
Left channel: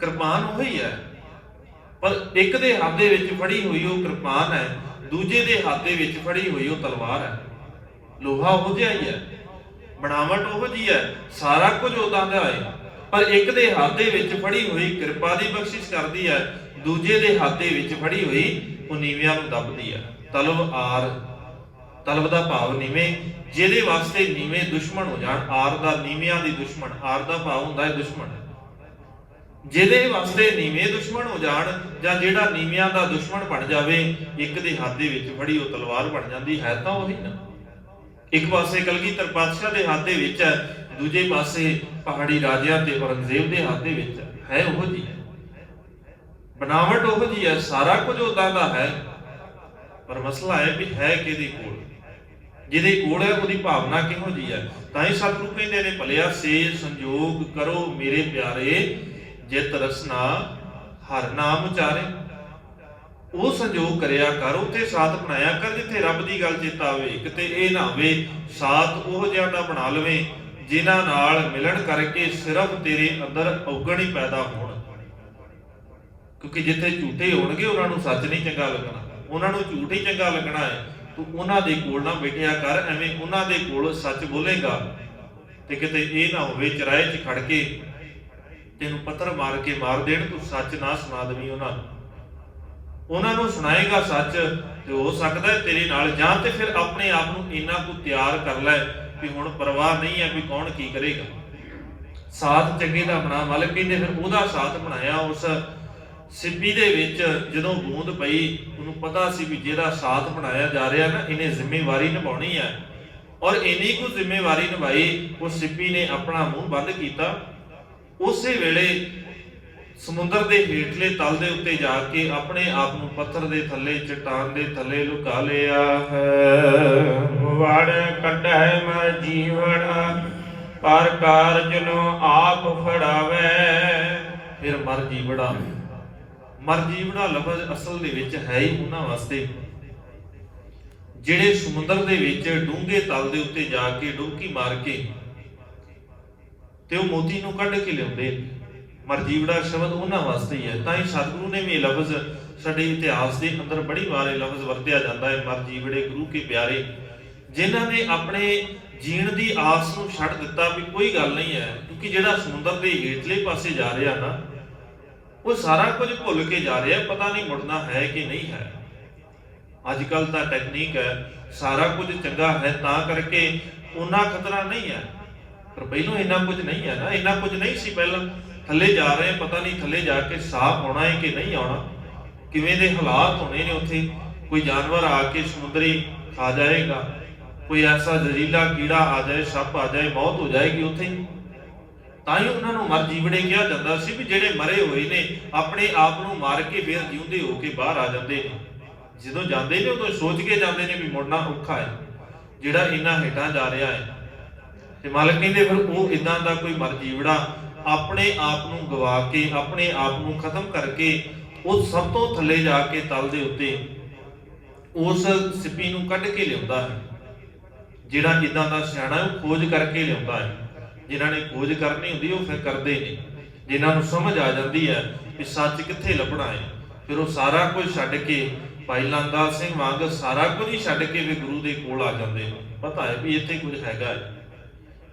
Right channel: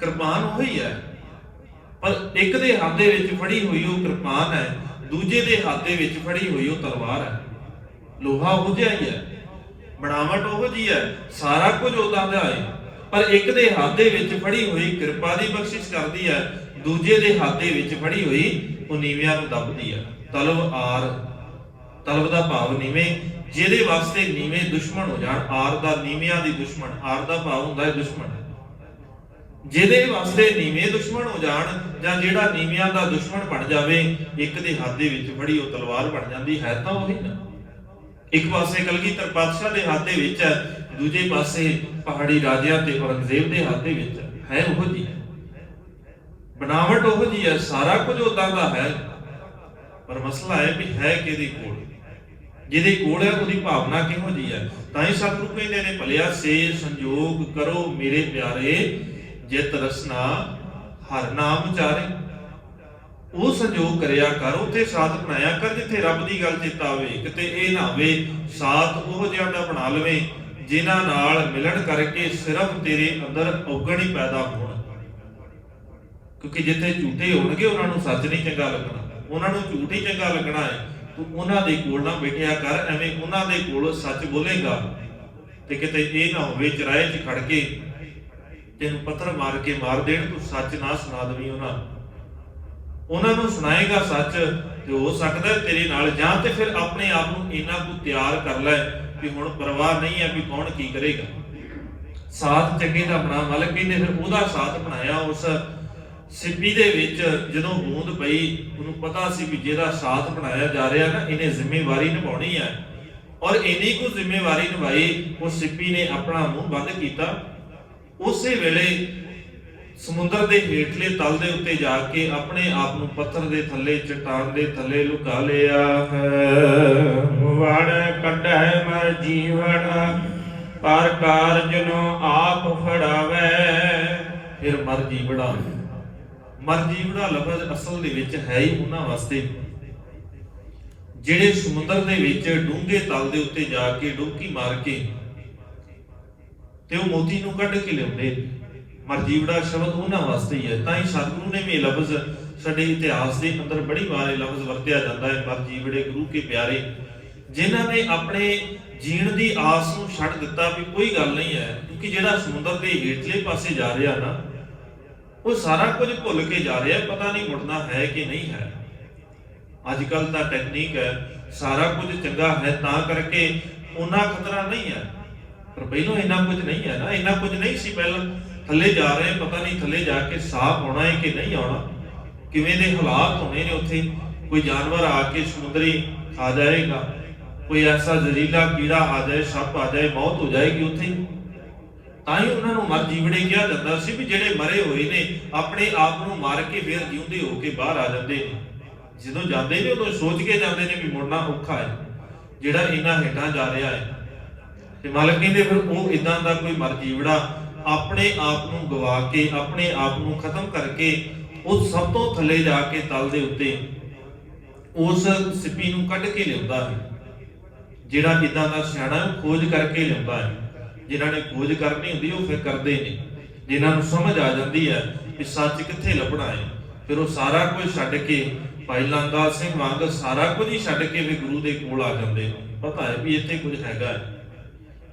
ਕਿਰਪਾਨ ਉਹੀ ਹੈ, ਪਰ ਇੱਕ ਦੇ ਹੱਥ ਦੇ ਵਿੱਚ ਫੜੀ ਹੋਈ ਉਹ ਕਿਰਪਾਨ ਹੈ, ਦੂਜੇ ਦੇ ਹੱਥ ਦੇ ਵਿੱਚ ਫੜੀ ਹੋਈ ਉਹ ਤਲਵਾਰ ਹੈ। ਲੋਹਾ ਉਹ ਜਿਹਾ ਹੀ ਹੈ, ਬਣਾਵਟ ਉਹ ਜੀ ਹੈ, ਸਾਰਾ ਕੁਝ ਉਹਦਾ ਦਾ ਹੈ, ਪਰ ਇੱਕ ਦੇ ਹੱਥ ਦੇ ਵਿੱਚ ਫੜੀ ਹੋਈ ਕਿਰਪਾ ਦੀ ਬਖਸ਼ਿਸ਼ ਕਰਦੀ ਹੈ, ਦੂਜੇ ਦੇ ਹੱਥ ਦੇ ਵਿੱਚ ਫੜੀ ਹੋਈ ਉਹ ਨੀਵਿਆਂ ਨੂੰ ਦੱਬਦੀ ਹੈ। ਤਲਬ ਦਾ ਭਾਵ ਨੀਵੇਂ, ਜਿਹਦੇ ਵਾਸਤੇ ਨੀਵੇਂ ਦੁਸ਼ਮਣ ਹੋ ਜਾਣ। ਆਰ ਦਾ ਨੀਵਿਆਂ ਦੀ ਦੁਸ਼ਮਣ, ਆਰ ਦਾ ਭਾਵ ਹੁੰਦਾ ਹੈ ਦੁਸ਼ਮਣ। ਜਿਹਦੇ ਵਾਸਤੇ ਨੀਵੇਂ ਦੁਸ਼ਮਣ ਹੋ ਜਾਣ, ਜਾਂ ਜਿਹੜਾ ਨੀਵਿਆਂ ਦਾ ਦੁਸ਼ਮਣ ਬਣ ਜਾਵੇ, ਇੱਕ ਦੇ ਹੱਥ ਦੇ ਵਿੱਚ ਫੜੀ ਉਹ ਤਲਵਾਰ ਬਣ ਜਾਂਦੀ ਹੈ। ਤਾਂ ਉਹੀ ਨਾ, ਇੱਕ ਪਾਸੇ ਕਲਗੀਧਰ ਪਾਤਸ਼ਾਹ ਦੇ ਹੱਥ ਦੇ ਵਿੱਚ ਹੈ, ਦੂਜੇ ਪਾਸੇ ਪਹਾੜੀ ਰਾਜਿਆਂ ਤੇ ਔਰੰਗਜ਼ੇਬ ਦੇ ਹੱਥ ਦੇ ਵਿੱਚ ਹੈ। ਉਹ ਜੀ ਬਣਾਵਟ ਉਹ ਜੀ ਹੈ, ਸਾਰਾ ਕੁਝ ਉਦਾਂ ਦਾ ਹੈ, ਪਰ ਮਸਲਾ ਹੈ ਵੀ ਹੈ ਕਿਹਦੇ ਕੋਲ। ਜਿਹਦੇ ਕੋਲ ਹੈ ਉਹਦੀ ਭਾਵਨਾ ਕਿਹੋ ਜੀ ਹੈ। ਤਾਂ ਹੀ ਸਤਿਗੁਰੂ ਕਹਿੰਦੇ ਨੇ ਭਲਿਆ ਸੇ ਸੰਜੋਗ ਕਰੋ ਮੇਰੇ ਪਿਆਰੇ, ਜਿਤ ਰਸਨਾ ਹਰ ਨਾਮ ਉਚਾਰੇ। ਉਹ ਸੰਜੋਗ ਕਰਿਆ ਕਰ, ਉੱਥੇ ਸਾਥ ਬਣਾਇਆ ਕਰ ਜਿੱਥੇ ਰੱਬ ਦੀ ਗੱਲ ਚੇਤਾ ਆਵੇ। ਕਿਤੇ ਇਹ ਨਾ ਹੋਵੇ ਸਾਥ ਉਹ ਜਿਹਾ ਦਾ ਬਣਾ ਲਵੇ ਜਿਨ੍ਹਾਂ ਨਾਲ ਮਿਲਣ ਕਰਕੇ ਸਿਰਫ ਤੇਰੇ ਅੰਦਰ ਔਗਣ ਹੀ ਪੈਦਾ ਹੋਣ। ਕਿਉਂਕਿ ਜਿੱਥੇ ਝੂਠੇ ਹੋਣਗੇ ਉਹਨਾਂ ਨੂੰ ਸੱਚ ਨਹੀਂ ਚੰਗਾ ਲੱਗਣਾ, ਉਹਨਾਂ ਨੂੰ ਝੂਠ ਹੀ ਚੰਗਾ ਲੱਗਣਾ ਹੈ। ਤੂੰ ਉਹਨਾਂ ਦੇ ਕੋਲ ਨਾ ਬੈਠਿਆ ਕਰ, ਐਵੇਂ ਉਹਨਾਂ ਦੇ ਕੋਲ ਸੱਚ ਬੋਲੇਗਾ ਤੇ ਕਿਤੇ ਇਹ ਨਾ ਹੋਵੇ ਚਰਾਏ 'ਚ ਖੜ ਕੇ ਤੈਨੂੰ ਪੱਥਰ ਮਾਰ ਕੇ ਮਾਰ ਦੇਣ, ਤੂੰ ਸੱਚ ਨਾ ਸੁਣਾ ਦੇਵੀਂ ਉਹਨਾਂ ਨੂੰ ਸੁਣਾਏਗਾ ਸੱਚ ਤੇ ਹੋ ਸਕਦਾ ਤੇਰੇ ਨਾਲ, ਜਾਂ ਤੇ ਫਿਰ ਆਪਣੇ ਆਪ ਨੂੰ ਇੰਨਾ ਕੁ ਤਿਆਰ ਕਰ ਲੈ ਕਿ ਹੁਣ ਪਰਵਾਹ ਨਹੀਂ ਹੈ ਵੀ ਕੌਣ ਕੀ ਕਰੇਗਾ। ਸਾਥ ਚੰਗੇ ਦਾ ਬਣਾ, ਮਾਲਕ ਕਹਿੰਦੇ ਫਿਰ ਉਹਦਾ ਸਾਥ ਬਣਾਇਆ, ਉਸ ਸਿੱਪੀ ਦੇ ਵਿੱਚ ਜਦੋਂ ਬੂੰਦ ਪਈ, ਉਹਨੂੰ ਪਤਾ ਸੀ ਵੀ ਜਿਹੜਾ ਸਾਥ ਬਣਾਇਆ ਜਾ ਰਿਹਾ ਨਾ, ਇਹਨੇ ਜ਼ਿੰਮੇਵਾਰੀ ਨਿਭਾਉਣੀ ਹੈ। ਔਰ ਇੰਨੀ ਕੁ ਜ਼ਿੰਮੇਵਾਰੀ ਨਿਭਾਈ, ਉਹ ਸਿੱਪੀ ਨੇ ਆਪਣਾ ਮੂੰਹ ਬੰਦ ਕੀਤਾ। ਉਸੇ ਵੇਲੇ ਸਮੁੰਦਰ ਦੇ ਹੇਠਲੇ ਤਲ ਦੇ ਉੱਤੇ ਜਾ ਕੇ ਆਪਣੇ ਆਪ ਨੂੰ ਪੱਥਰ ਦੇ ਥੱਲੇ, ਚਟਾਨ ਦੇ ਥੱਲੇ ਲੁਕਾ ਲਿਆ ਹੈ। ਵੜ ਕੱਢੈ ਮੈਂ ਜੀਵਨ ਪਰ ਕਾਰਜ ਨੂੰ ਆਪ ਫੜਾਵੇ। ਫਿਰ ਮਰ ਜੀਵੜਾ ਲਫ਼ਜ਼ ਅਸਲ ਦੇ ਵਿੱਚ ਹੈ ਹੀ ਉਹਨਾਂ ਵਾਸਤੇ ਜਿਹੜੇ ਸਮੁੰਦਰ ਦੇ ਵਿੱਚ ਡੂੰਘੇ ਤਲ ਦੇ ਉੱਤੇ ਜਾ ਕੇ ਡੁਬਕੀ ਮਾਰ ਕੇ ਤੇ ਉਹ ਮੋਤੀ ਨੂੰ ਕੱਢ ਕੇ ਲਿਆਉਂਦੇ। ਮਰਜੀਵੜਾ ਸ਼ਬਦ ਉਹਨਾਂ ਵਾਸਤੇ ਹੀ ਹੈ। ਤਾਂ ਹੀ ਸਤਿਗੁਰੂ ਨੇ ਵੀ ਇਹ ਲਫ਼ਜ਼ ਸਾਡੇ ਇਤਿਹਾਸ ਦੇ ਅੰਦਰ ਬੜੀ ਵਾਰ ਇਹ ਲਫ਼ਜ਼ ਵਰਤਿਆ ਜਾਂਦਾ ਹੈ, ਮਰਜੀਵੜੇ ਗੁਰੂ ਕੇ ਪਿਆਰੇ, ਜਿਨ੍ਹਾਂ ਨੇ ਆਪਣੇ ਜੀਣ ਦੀ ਆਸ ਨੂੰ ਛੱਡ ਦਿੱਤਾ ਵੀ ਕੋਈ ਗੱਲ ਨਹੀਂ ਹੈ। ਕਿਉਂਕਿ ਜਿਹੜਾ ਸਮੁੰਦਰ ਦੇ ਹੇਠਲੇ ਪਾਸੇ ਜਾ ਰਿਹਾ ਨਾ, ਉਹ ਸਾਰਾ ਕੁਝ ਭੁੱਲ ਕੇ ਜਾ ਰਿਹਾ, ਪਤਾ ਨਹੀਂ ਮੁੜਨਾ ਹੈ ਕਿ ਨਹੀਂ ਹੈ। ਅੱਜ ਕੱਲ ਤਾਂ ਟੈਕਨੀਕ ਹੈ, ਸਾਰਾ ਕੁਝ ਚੰਗਾ ਹੈ ਤਾਂ ਕਰਕੇ ਉਹਨਾਂ ਖਤਰਾ ਨਹੀਂ ਹੈ, ਪਰ ਪਹਿਲਾਂ ਇੰਨਾ ਕੁਝ ਨਹੀਂ ਹੈ ਨਾ, ਇੰਨਾ ਕੁਝ ਨਹੀਂ ਸੀ ਪਹਿਲਾਂ। ਥੱਲੇ ਜਾ ਰਹੇ, ਪਤਾ ਨਹੀਂ ਥੱਲੇ ਜਾ ਕੇ ਸਾਫ਼ ਆਉਣਾ ਹੈ ਕਿ ਨਹੀਂ ਆਉਣਾ, ਕਿਵੇਂ ਦੇ ਹਾਲਾਤ ਹੋਣੇ ਨੇ ਉੱਥੇ। ਕੋਈ ਜਾਨਵਰ ਆ ਕੇ ਸਮੁੰਦਰੀ ਖਾ ਜਾਏਗਾ, ਕੋਈ ਐਸਾ ਜ਼ਹਿਰੀਲਾ ਕੀੜਾ ਆ ਜਾਏ, ਸੱਪ ਆ ਜਾਏ, ਮੌਤ ਹੋ ਜਾਏਗੀ ਉੱਥੇ। ਤਾਂ ਹੀ ਉਹਨਾਂ ਨੂੰ ਮਰ ਜੀਵੜੇ ਕਿਹਾ ਜਾਂਦਾ ਸੀ ਵੀ ਜਿਹੜੇ ਮਰੇ ਹੋਏ ਨੇ ਆਪਣੇ ਆਪ ਨੂੰ ਮਾਰ ਕੇ ਫਿਰ ਜਿਉਂਦੇ ਹੋ ਕੇ ਬਾਹਰ ਆ ਜਾਂਦੇ ਨੇ। ਜਦੋਂ ਜਾਂਦੇ ਨੇ ਉਦੋਂ ਸੋਚ ਕੇ ਜਾਂਦੇ ਨੇ ਵੀ ਮੁੜਨਾ ਔਖਾ ਹੈ, ਜਿਹੜਾ ਇਹਨਾਂ ਹੇਠਾਂ ਜਾ ਰਿਹਾ ਹੈ। ਤੇ ਮਾਲਕ ਕਹਿੰਦੇ ਫਿਰ ਉਹ ਇਦਾਂ ਦਾ ਕੋਈ ਮਰ ਜੀਵੜਾ ਆਪਣੇ ਆਪ ਨੂੰ ਗਵਾ ਕੇ, ਆਪਣੇ ਆਪ ਨੂੰ ਖਤਮ ਕਰਕੇ, ਉਹ ਸਭ ਤੋਂ ਥੱਲੇ ਜਾ ਕੇ ਤਲ ਦੇ ਉੱਤੇ ਉਸ ਸਿੱਪੀ ਨੂੰ ਕੱਢ ਕੇ ਲਿਆਉਂਦਾ ਹੈ। ਜਿਹੜਾ ਇਦਾਂ ਦਾ ਸਿਆਣਾ ਉਹ ਖੋਜ ਕਰਕੇ ਲਿਆਉਂਦਾ ਹੈ। ਜਿਨ੍ਹਾਂ ਨੇ ਖੋਜ ਕਰਨੀ ਹੁੰਦੀ ਉਹ ਫਿਰ ਕਰਦੇ ਨੇ, ਜਿਨ੍ਹਾਂ ਨੂੰ ਸਮਝ ਆ ਜਾਂਦੀ ਹੈ ਕਿ ਸੱਚ ਕਿੱਥੇ ਲੱਭਣਾ ਹੈ, ਫਿਰ ਉਹ ਸਾਰਾ ਕੁਝ ਛੱਡ ਕੇ, ਭਾਈ ਲਾਂਗਾ ਸਿੰਘ ਵਾਂਗ ਸਾਰਾ ਕੁਝ ਹੀ ਛੱਡ ਕੇ ਵੀ ਗੁਰੂ ਦੇ ਕੋਲ ਆ ਜਾਂਦੇ ਨੇ। ਪਤਾ ਹੈ ਵੀ ਇੱਥੇ ਕੁਝ ਹੈਗਾ ਹੈ,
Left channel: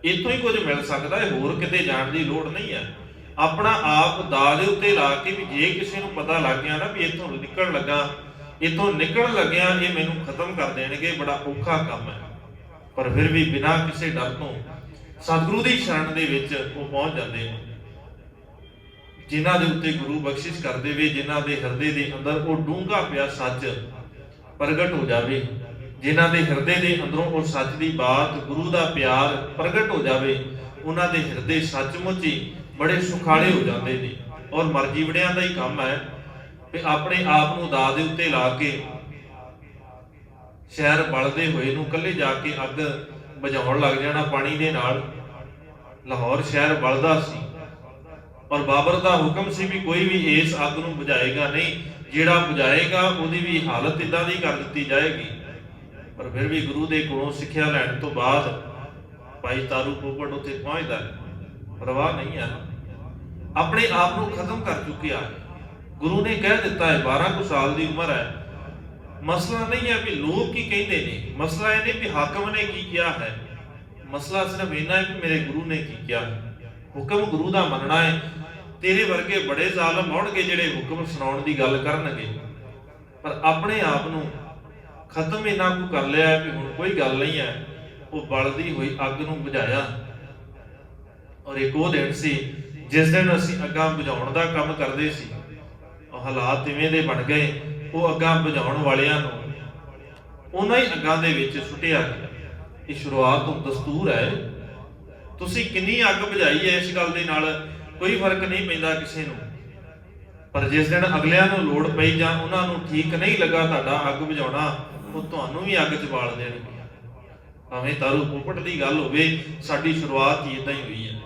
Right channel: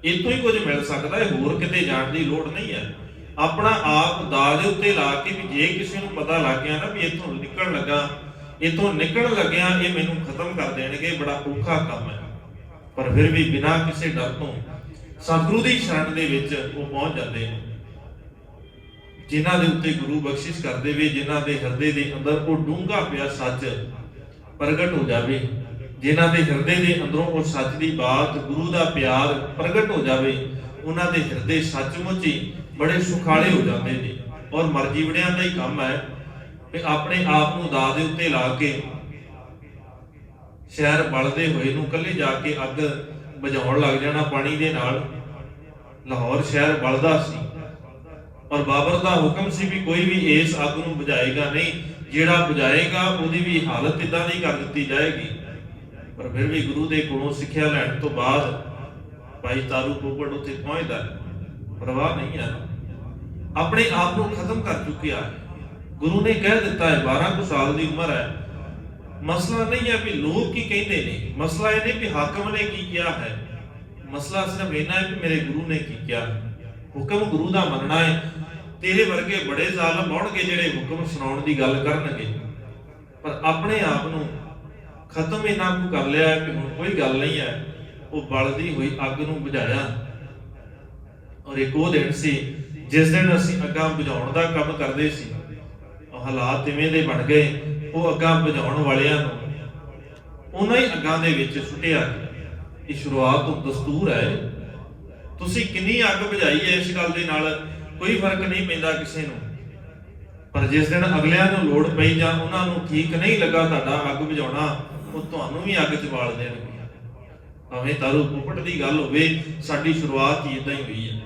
ਇੱਥੋਂ ਹੀ ਕੁਝ ਮਿਲ ਸਕਦਾ ਹੈ, ਹੋਰ ਕਿਤੇ ਜਾਣ ਦੀ ਲੋੜ ਨਹੀਂ ਹੈ। ਆਪਣਾ ਆਪ ਦਾਅ ਦੇ ਉੱਤੇ ਲਾ ਕੇ ਵੀ ਜੇ ਕਿਸੇ ਨੂੰ ਪਤਾ ਲੱਗ ਗਿਆ ਨਾ ਵੀ ਇੱਥੋਂ ਨਿਕਲਣ ਲੱਗਿਆ ਇਹ ਮੈਨੂੰ ਖਤਮ ਕਰ ਦੇਣਗੇ, ਬੜਾ ਔਖਾ ਕੰਮ ਹੈ। ਪਰ ਫਿਰ ਵੀ ਬਿਨਾਂ ਕਿਸੇ ਡਰ ਤੋਂ ਸਤਿਗੁਰੂ ਦੀ ਸ਼ਰਨ ਦੇ ਵਿੱਚ ਉਹ ਪਹੁੰਚ ਜਾਂਦੇ ਨੇ। ਜਿਨ੍ਹਾਂ ਦੇ ਉੱਤੇ ਗੁਰੂ ਬਖਸ਼ਿਸ਼ ਕਰ ਦੇਵੇ, ਜਿਨ੍ਹਾਂ ਦੇ ਹਿਰਦੇ ਦੇ ਅੰਦਰ ਉਹ ਡੂੰਘਾ ਪਿਆ ਸੱਚ ਪ੍ਰਗਟ ਹੋ ਜਾਵੇ, ਜਿਨ੍ਹਾਂ ਦੇ ਹਿਰਦੇ ਦੇ ਅੰਦਰੋਂ ਉਹ ਸੱਚ ਦੀ ਬਾਤ, ਗੁਰੂ ਦਾ ਪਿਆਰ ਪ੍ਰਗਟ ਹੋ ਜਾਵੇ, ਉਹਨਾਂ ਦੇ ਹਿਰਦੇ ਸੱਚਮੁੱਚ ਹੀ ਬੜੇ ਸੁਖਾਲੇ ਹੋ ਜਾਂਦੇ ਨੇ। ਔਰ ਮਰਜੀਵੜਿਆਂ ਦਾ ਹੀ ਕੰਮ ਹੈ ਕਿ ਆਪਣੇ ਆਪ ਨੂੰ ਦਾਅ ਦੇ ਉੱਤੇ ਲਾ ਕੇ ਸ਼ਹਿਰ ਬਲਦੇ ਹੋਏ ਨੂੰ ਇਕੱਲੇ ਜਾ ਕੇ ਅੱਗ ਬੁਝਾਉਣ ਲੱਗ ਜਾਣਾ ਪਾਣੀ ਦੇ ਨਾਲ। ਲਾਹੌਰ ਸ਼ਹਿਰ ਬਲਦਾ ਸੀ ਔਰ ਬਾਬਰ ਦਾ ਹੁਕਮ ਸੀ ਵੀ ਕੋਈ ਵੀ ਇਸ ਅੱਗ ਨੂੰ ਬੁਝਾਏਗਾ ਨਹੀਂ, ਜਿਹੜਾ ਬੁਝਾਏਗਾ ਉਹਦੀ ਵੀ ਹਾਲਤ ਇਦਾਂ ਦੀ ਕਰ ਦਿੱਤੀ ਜਾਏਗੀ। ਪਰ ਫਿਰ ਵੀ ਗੁਰੂ ਦੇ ਕੋਲੋਂ ਸਿੱਖਿਆ ਲੈਣ ਤੋਂ ਬਾਅਦ ਭਾਈ ਤਾਰੂ ਟੋਪੜ ਉੱਥੇ ਪਹੁੰਚਦਾ, ਪਰਵਾਹ ਨਹੀਂ ਹੈ, ਆਪਣੇ ਆਪ ਨੂੰ ਖਤਮ ਕਰ ਚੁੱਕਿਆ। ਗੁਰੂ ਨੇ ਕਹਿ ਦਿੱਤਾ ਹੈ 12 ਕੁ ਸਾਲ ਦੀ ਉਮਰ ਹੈ। ਮਸਲਾ ਨਹੀਂ ਹੈ ਵੀ ਲੋਕ ਕੀ ਕਹਿੰਦੇ ਨੇ, ਮਸਲਾ ਇਹ ਨਹੀਂ ਵੀ ਹਾਕਮ ਨੇ ਕੀ ਕਿਹਾ ਹੈ, ਮਸਲਾ ਸਿਰਫ ਇਹਨਾਂ ਹੈ ਕਿ ਮੇਰੇ ਗੁਰੂ ਨੇ ਕੀ ਕਿਹਾ। ਹੁਕਮ ਗੁਰੂ ਦਾ ਮੰਨਣਾ ਹੈ। ਤੇਰੇ ਵਰਗੇ ਬੜੇ ਜ਼ਾਲਮ ਹੋਣਗੇ ਜਿਹੜੇ ਹੁਕਮ ਸੁਣਾਉਣ ਦੀ ਗੱਲ ਕਰਨਗੇ, ਪਰ ਆਪਣੇ ਆਪ ਨੂੰ ਖਤਮ ਇਹਨਾਂ ਨੂੰ ਕਰ ਲਿਆ ਹੈ ਕਿ ਹੁਣ ਕੋਈ ਗੱਲ ਨਹੀਂ ਹੈ। ਉਹ ਬਲਦੀ ਹੋਈ ਅੱਗ ਨੂੰ ਬੁਝਾਇਆ। ਔਰ ਇੱਕ ਉਹ ਦਿਨ ਸੀ ਜਿਸ ਦਿਨ ਅਸੀਂ ਅੱਗਾਂ ਬੁਝਾਉਣ ਦਾ ਕੰਮ ਕਰਦੇ ਸੀ। ਉਹ ਹਾਲਾਤ ਇਵੇਂ ਦੇ ਬਣ ਗਏ, ਉਹ ਅੱਗਾਂ ਬੁਝਾਉਣ ਵਾਲਿਆਂ ਨੂੰ ਉਹਨਾਂ ਹੀ ਅੱਗਾਂ ਦੇ ਵਿੱਚ ਸੁੱਟਿਆ ਗਿਆ। ਇਹ ਸ਼ੁਰੂਆਤ ਤੋਂ ਦਸਤੂਰ ਹੈ। ਤੁਸੀਂ ਕਿੰਨੀ ਅੱਗ ਬੁਝਾਈ ਹੈ ਇਸ ਗੱਲ ਦੇ ਨਾਲ ਕੋਈ ਫਰਕ ਨਹੀਂ ਪੈਂਦਾ ਕਿਸੇ ਨੂੰ, ਪਰ ਜਿਸ ਦਿਨ ਅਗਲਿਆਂ ਨੂੰ ਲੋੜ ਪਈ ਜਾਂ ਉਹਨਾਂ ਨੂੰ ਠੀਕ ਨਹੀਂ ਲੱਗਾ ਤੁਹਾਡਾ ਅੱਗ ਬੁਝਾਉਣਾ, ਉਹ ਤੁਹਾਨੂੰ ਵੀ ਅੱਗ 'ਚ ਬਾਲ ਦੇਣਗੇ। ਭਾਵੇਂ ਤਾਰੂ ਟੋਪੜ ਦੀ ਗੱਲ ਹੋਵੇ, ਸਾਡੀ ਸ਼ੁਰੂਆਤ ਹੀ ਇਦਾਂ ਹੀ ਹੋਈ ਹੈ।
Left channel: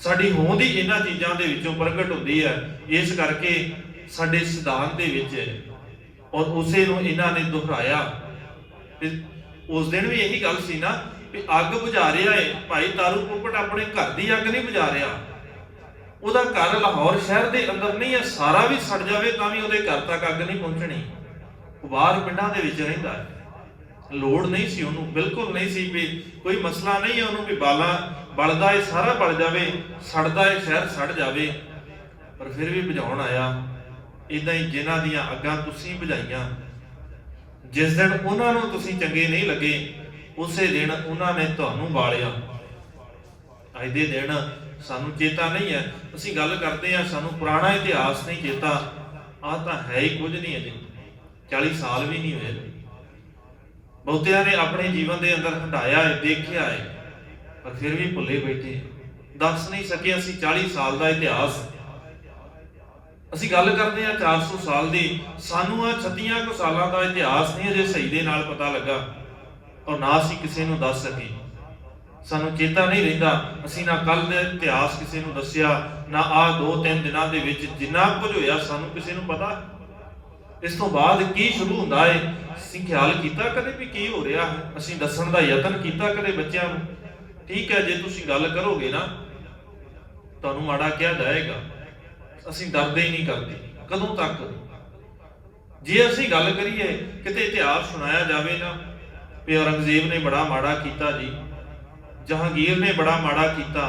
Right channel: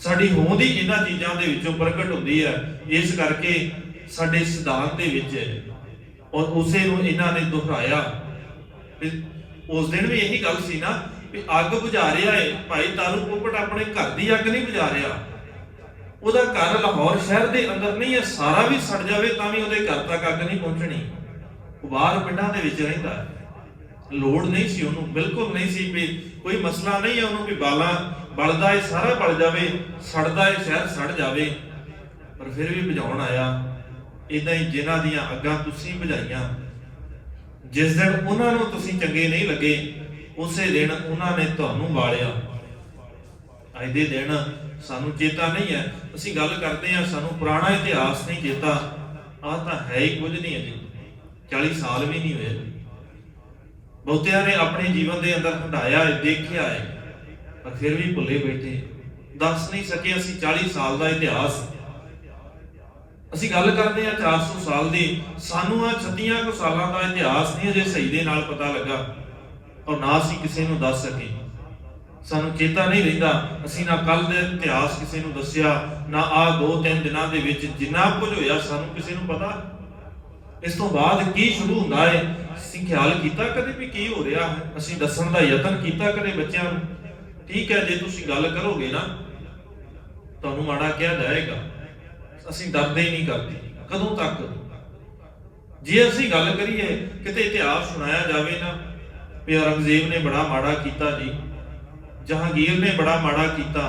ਸਾਡੀ ਹੋਂਦ ਹੀ ਇਹਨਾਂ ਚੀਜ਼ਾਂ ਦੇ ਵਿੱਚੋਂ ਪ੍ਰਗਟ ਹੁੰਦੀ ਹੈ। ਇਸ ਕਰਕੇ ਸਾਡੇ ਸਿਧਾਂਤ ਦੇ ਵਿੱਚ ਹੈ ਔਰ ਉਸੇ ਨੂੰ ਇਹਨਾਂ ਨੇ ਦੁਹਰਾਇਆ। ਉਸ ਦਿਨ ਵੀ ਇਹੀ ਗੱਲ ਸੀ ਨਾ ਵੀ ਅੱਗ ਬੁਝਾ ਰਿਹਾ ਹੈ ਭਾਈ ਤਾਰੂ ਟੋਪੜ, ਆਪਣੇ ਘਰ ਦੀ ਅੱਗ ਨਹੀਂ ਬੁਝਾ ਰਿਹਾ। ਉਹਦਾ ਘਰ ਲਾਹੌਰ ਸ਼ਹਿਰ ਦੇ ਅੰਦਰ ਨਹੀਂ ਹੈ, ਸਾਰਾ ਵੀ ਸੜ ਜਾਵੇ ਤਾਂ ਵੀ ਉਹਦੇ ਘਰ ਤੱਕ ਅੱਗ ਨਹੀਂ ਪਹੁੰਚਣੀ। ਉਹ ਬਾਹਰ ਪਿੰਡਾਂ ਦੇ ਵਿੱਚ ਰਹਿੰਦਾ ਹੈ। ਲੋੜ ਨਹੀਂ ਸੀ ਉਹਨੂੰ, ਬਿਲਕੁਲ ਨਹੀਂ ਸੀ ਵੀ ਕੋਈ ਮਸਲਾ ਨਹੀਂ ਹੈ ਉਹਨੂੰ ਵੀ ਬਲਦਾ ਹੈ ਸਾਰਾ ਬਲ ਜਾਵੇ, ਸੜਦਾ ਹੈ ਸ਼ਹਿਰ ਸੜ ਜਾਵੇ, ਪਰ ਫਿਰ ਵੀ ਬੁਝਾਉਣ ਆਇਆ। ਇਦਾਂ ਹੀ ਜਿਨ੍ਹਾਂ ਦੀਆਂ ਅੱਗਾਂ ਤੁਸੀਂ ਬੁਝਾਈਆਂ, ਜਿਸ ਦਿਨ ਉਹਨਾਂ ਨੂੰ ਤੁਸੀਂ ਚੰਗੇ ਨਹੀਂ ਲੱਗੇ, ਉਸੇ ਦਿਨ ਉਹਨਾਂ ਨੇ ਤੁਹਾਨੂੰ ਬਾਲਿਆ। ਅੱਜ ਦੇ ਦਿਨ ਸਾਨੂੰ ਚੇਤਾ ਨਹੀਂ ਹੈ, ਅਸੀਂ ਗੱਲ ਕਰਦੇ ਹਾਂ ਸਾਨੂੰ ਪੁਰਾਣਾ ਇਤਿਹਾਸ ਨਹੀਂ ਚੇਤਾ। ਆਹ ਤਾਂ ਹੈ ਹੀ ਕੁਝ ਨਹੀਂ, ਅਜੇ 40 ਸਾਲ ਵੀ ਨਹੀਂ ਹੋਏ। ਬਹੁਤਿਆਂ ਨੇ ਆਪਣੇ ਜੀਵਨ ਦੇ ਅੰਦਰ ਹੰਢਾਇਆ ਹੈ, ਦੇਖਿਆ ਹੈ, ਪਰ ਫਿਰ ਵੀ ਭੁੱਲੇ ਬੈਠੇ, ਦੱਸ ਨਹੀਂ ਸਕੇ ਅਸੀਂ 40 ਸਾਲ ਦਾ ਇਤਿਹਾਸ। ਅਸੀਂ ਗੱਲ ਕਰਦੇ ਹਾਂ 400 ਸਾਲ ਦੀ, ਸਾਨੂੰ ਆ 36 ਕੁ ਸਾਲਾਂ ਦਾ ਇਤਿਹਾਸ ਨਹੀਂ ਅਜੇ ਸਹੀ ਦੇ ਨਾਲ ਪਤਾ ਲੱਗਾ, ਔਰ ਨਾ ਅਸੀਂ ਕਿਸੇ ਨੂੰ ਦੱਸ ਸਕੇ। ਸਾਨੂੰ ਚੇਤਾ ਨਹੀਂ ਰਹਿੰਦਾ, ਅਸੀਂ ਨਾ ਕੱਲ ਦੇ ਇਤਿਹਾਸ ਕਿਸੇ ਨੂੰ ਦੱਸਿਆ, ਨਾ ਆਹ 2-3 ਦਿਨਾਂ ਦੇ ਵਿੱਚ ਜਿੰਨਾ ਕੁਝ ਹੋਇਆ ਸਾਨੂੰ ਕਿਸੇ ਨੂੰ ਪਤਾ। ਇਸ ਤੋਂ ਬਾਅਦ ਕੀ ਸ਼ੁਰੂ ਹੁੰਦਾ ਹੈ, ਅਸੀਂ ਖਿਆਲ ਕੀਤਾ ਕਦੇ ਵੀ ਕੀ ਹੋ ਰਿਹਾ ਹੈ? ਅਸੀਂ ਦੱਸਣ ਦਾ ਯਤਨ ਕੀਤਾ ਕਦੇ ਬੱਚਿਆਂ ਨੂੰ? ਠੀਕ ਹੈ, ਜੇ ਤੁਸੀਂ ਗੱਲ ਕਰੋਗੇ ਨਾ ਤੁਹਾਨੂੰ ਮਾੜਾ ਕਿਹਾ ਜਾਏਗਾ। ਅਸੀਂ ਡਰਦੇ ਹੀ ਨਹੀਂ ਕਰਦੇ, ਕਦੋਂ ਤੱਕ? ਜੇ ਅਸੀਂ ਗੱਲ ਕਰੀਏ ਕਿਤੇ ਇਤਿਹਾਸ ਸੁਣਾਇਆ ਜਾਵੇ ਨਾ ਵੀ ਔਰੰਗਜ਼ੇਬ ਨੇ ਬੜਾ ਮਾੜਾ ਕੀਤਾ ਜੀ, ਜਹਾਂਗੀਰ ਨੇ ਬੜਾ ਮਾੜਾ ਕੀਤਾ,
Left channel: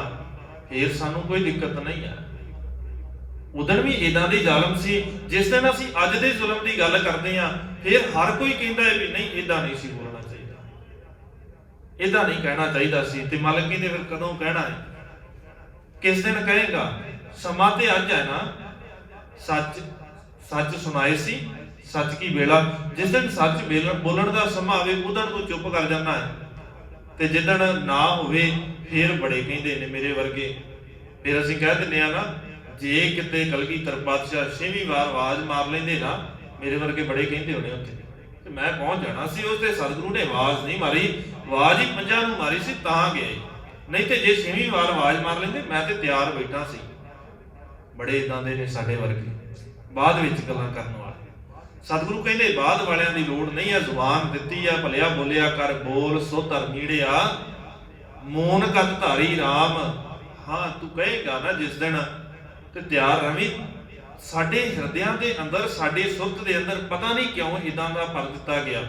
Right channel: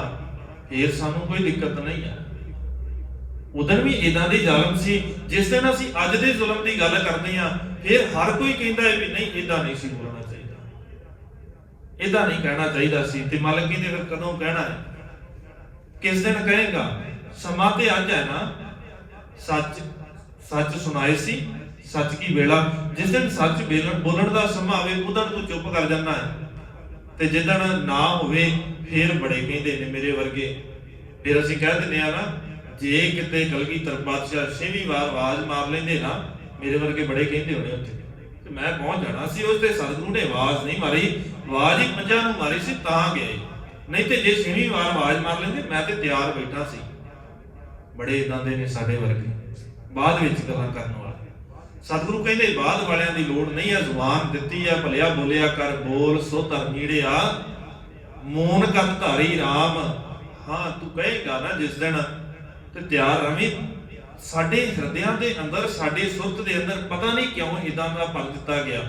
ਫਿਰ ਸਾਨੂੰ ਕੋਈ ਦਿੱਕਤ ਨਹੀਂ ਹੈ। ਉਦੋਂ ਵੀ ਇਦਾਂ ਦੇ ਜ਼ਾਲਮ ਸੀ। ਜਿਸ ਦਿਨ ਅਸੀਂ ਅੱਜ ਦੇ ਜ਼ੁਲਮ ਦੀ ਗੱਲ ਕਰਦੇ ਹਾਂ, ਫਿਰ ਹਰ ਕੋਈ ਕਹਿੰਦਾ ਹੈ ਵੀ ਨਹੀਂ ਇਦਾਂ ਨਹੀਂ ਸੀ ਬੋਲਣਾ ਚਾਹੀਦਾ, ਇਦਾਂ ਨਹੀਂ ਕਹਿਣਾ ਚਾਹੀਦਾ ਸੀ। ਤੇ ਮਾਲਕ ਨੇ ਫਿਰ ਕਦੋਂ ਕਹਿਣਾ ਹੈ? ਕਿਸ ਦਿਨ ਕਹੇਗਾ? ਸਮਾਂ ਤੇ ਅੱਜ ਹੈ ਨਾ, ਸੱਚ ਸੁਣਾਏ ਸੀ, ਸੱਚ ਕੀ ਵੇਲਾ। ਜਿਸ ਦਿਨ ਸੱਚ ਬੋਲਣ ਦਾ ਸਮਾਂ ਆਵੇ ਉਦੋਂ ਤੂੰ ਚੁੱਪ ਕਰ ਜਾਂਦਾ ਹੈ, ਤੇ ਜਿੱਦਣ ਨਾ ਹੋਵੇ ਫਿਰ ਬੜੇ ਕਹਿੰਦੇ ਨੇ ਮੇਰੇ ਵਰਗੇ। ਫਿਰ ਅਸੀਂ ਕਹਿ ਦਿੰਦੇ ਆ ਨਾ, ਜੇ ਕਿਤੇ ਕਲਗੀਧਰ ਪਾਤਸ਼ਾਹ 6ਵੀਂ ਵਾਰ ਆਵਾਜ਼ ਮਾਰ ਲੈਂਦੇ ਨਾ, ਮੇਰੇ ਵਰਗੇ ਬੜੇ ਕਹਿੰਦੇ ਹੋਣੇ ਉੱਥੇ, ਤੇ ਮੈਂ ਪਹੁੰਚ ਜਾਣਾ ਸੀ। ਉਸ ਤੇ ਸਤਿਗੁਰੂ ਨੇ ਆਵਾਜ਼ ਨਹੀਂ ਮਾਰੀ, ਆਵਾਜ਼ ਹੀ ਪੰਜਾਂ ਨੂੰ ਮਾਰੀ ਸੀ ਤਾਂ ਗਿਆ। ਨਹੀਂ ਤੇ ਜੇ 6ਵੀਂ ਵਾਰ ਆਵਾਜ਼ ਮਾਰ ਲੈਂਦੇ ਮੈਂ ਤੇ ਤਿਆਰ ਬੈਠਾ ਸੀ। ਬੜੇ ਇਦਾਂ ਦੇ ਨੇ ਸਾਡੇ ਵਰਗੇ, ਬਾਅਦ ਵਿੱਚ ਗੱਲਾਂ ਕਰਨ ਵਾਲੇ। ਸਤਿਗੁਰੂ ਕਹਿੰਦੇ ਬਾਅਦ ਵਾਲਿਆਂ ਦੀ ਲੋੜ ਨਹੀਂ ਹੈ, ਜ਼ੁਬਾਨ ਦਿੱਤੀ ਆ ਭਲਿਆ ਬੋਲਿਆ ਕਰ, ਬੋਲ ਸੋ ਧਰ ਨੀੜਿਆ, ਮੋਨ ਕਤ ਧਾਰੀ RAM। ਹਾਂ ਤੂੰ ਕਹੇਗਾ ਨਾ ਜਿਸ ਦਿਨ, ਤੇ ਤਿਆਰ ਰਵੀਂ। ਸਾਡੇ ਹਿਰਦਿਆਂ ਦੇ ਅੰਦਰ, ਸਾਡੇ ਸੁਰਤ ਦੇ ਅੰਦਰ ਪਤਾ ਨਹੀਂ ਕਿਉਂ ਇਦਾਂ ਦਾ ਭਰ ਦਿੱਤਾ ਗਿਆ।